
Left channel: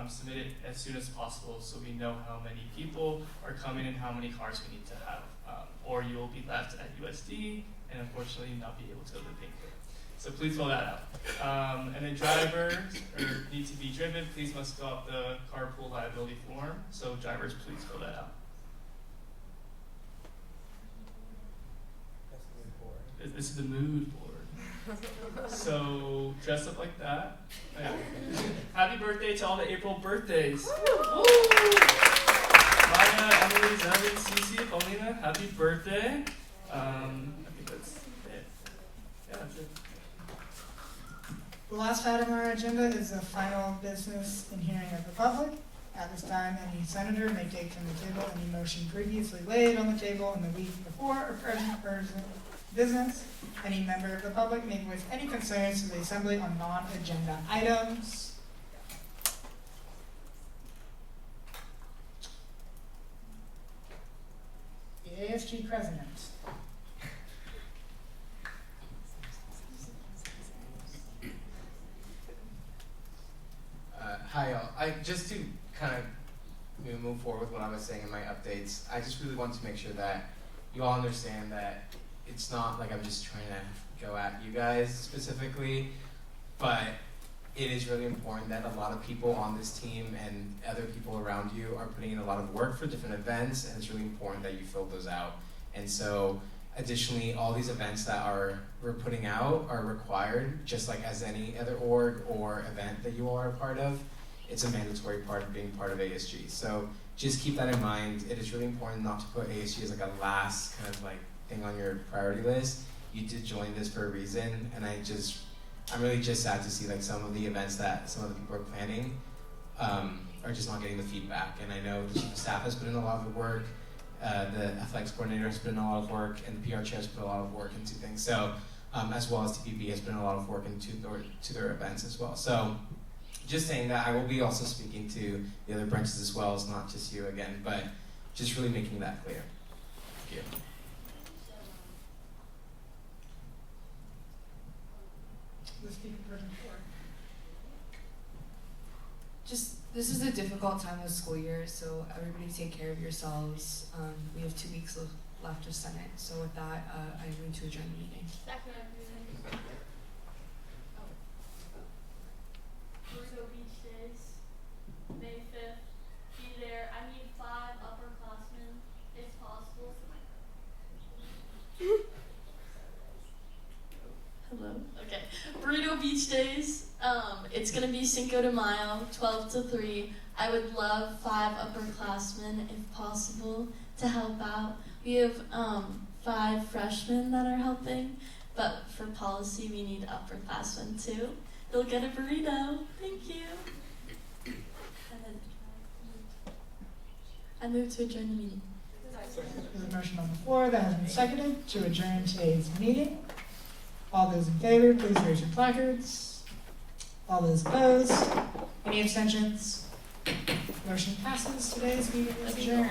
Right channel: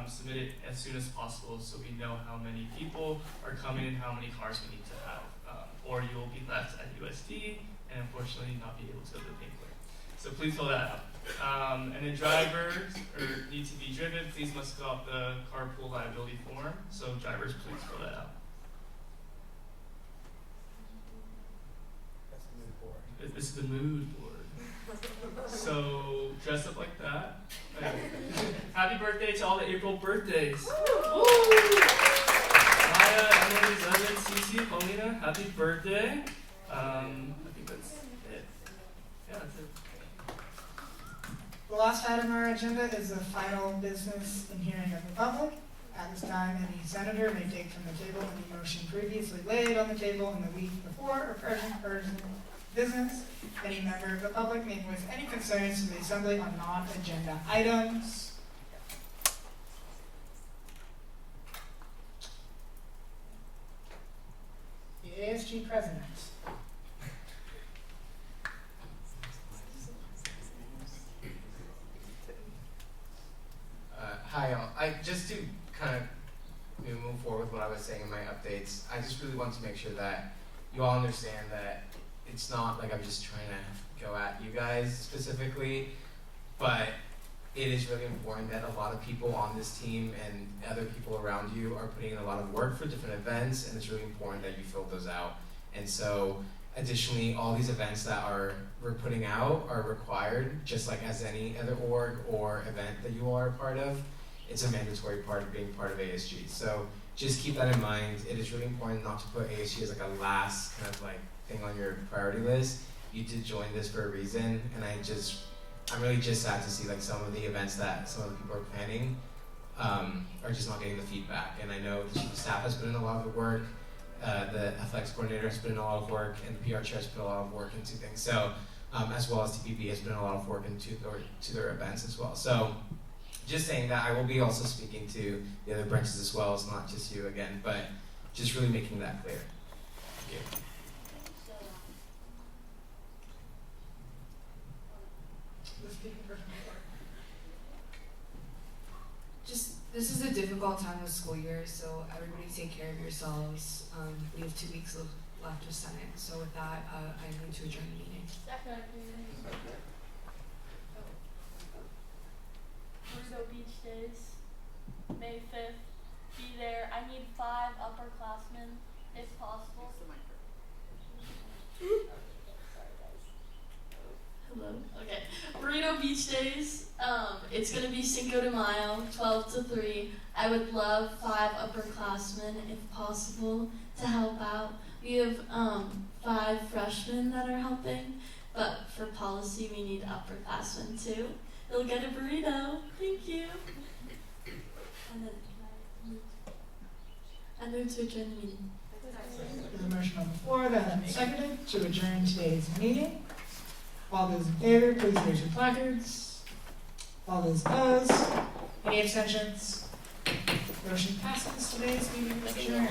submit it as soon as possible so we know how many people are coming and how many cars we need to have. Or you will be left at USD and unfortunately not be able to go to the banquet. So please fill that out. And then drivers need to be driven. Please must fill out the carpool liability form. So drivers, please fill that out. This is the mood board. So dress up like that. Happy birthday to all the April birthdays. Maya, Emily, Zevin, Cece, Paulina, happy birthday. I think that's it. Yeah, that's it. The last item on our agenda is the final business and hearing of the public. At this time, any senator may take from the table any motion previously laid on the table in the week before or present business. Any member of the public may voice any concerns to the assembly on non-agenda items. The ASG president. Hi all. Just to kind of move forward with what I was saying in my updates, I just really want to make sure that you all understand that it's not like I'm just trying to go at you guys specifically, but it is really important that a lot of people on this team and other people around you are putting in a lot of work for different events, and it's really important that you fill those out. And so additionally, all these events that we're putting out are required, just like as any other org or event that you are a part of. It's a mandatory part of being part of ASG. So just keep that in mind. It is really important not to put ASG as like a last kind of like thing on your priority list. You did join this for a reason, and I'm really just sad to see like some of the events that some of the people are planning are just not getting the feedback. And I know the chief of staff has put in a lot of the work, the athletics coordinator has put in a lot of work, and the PR chair has put a lot of work into things. So, as well as TPB has put in a lot of work into their events as well. So, just saying that I will be also speaking to the other branches as well. It's not just you again, but just really making that clear. Thank you. This is a difficult time of school year, so everybody take care of yourselves. We have 2 weeks left of Senate, so with that, I'm going to adjourn the meeting. Burrito Beach Days, May 5th. Be there. I need 5 upperclassmen, if possible. Hello. Okay. Burrito Beach Days. It's gonna be Cinco de Mayo, 12 to 3. I would love 5 upperclassmen, if possible, to help out. We have 5 freshmen that are helping, but for policy we need upperclassmen too. You'll get a burrito. Thank you. I move to adjourn the meeting. There's a motion on the floor that has been seconded to adjourn today's meeting. All those in favor, please raise your placards. All those opposed? Any abstentions? Motion passes. Today's meeting is adjourned.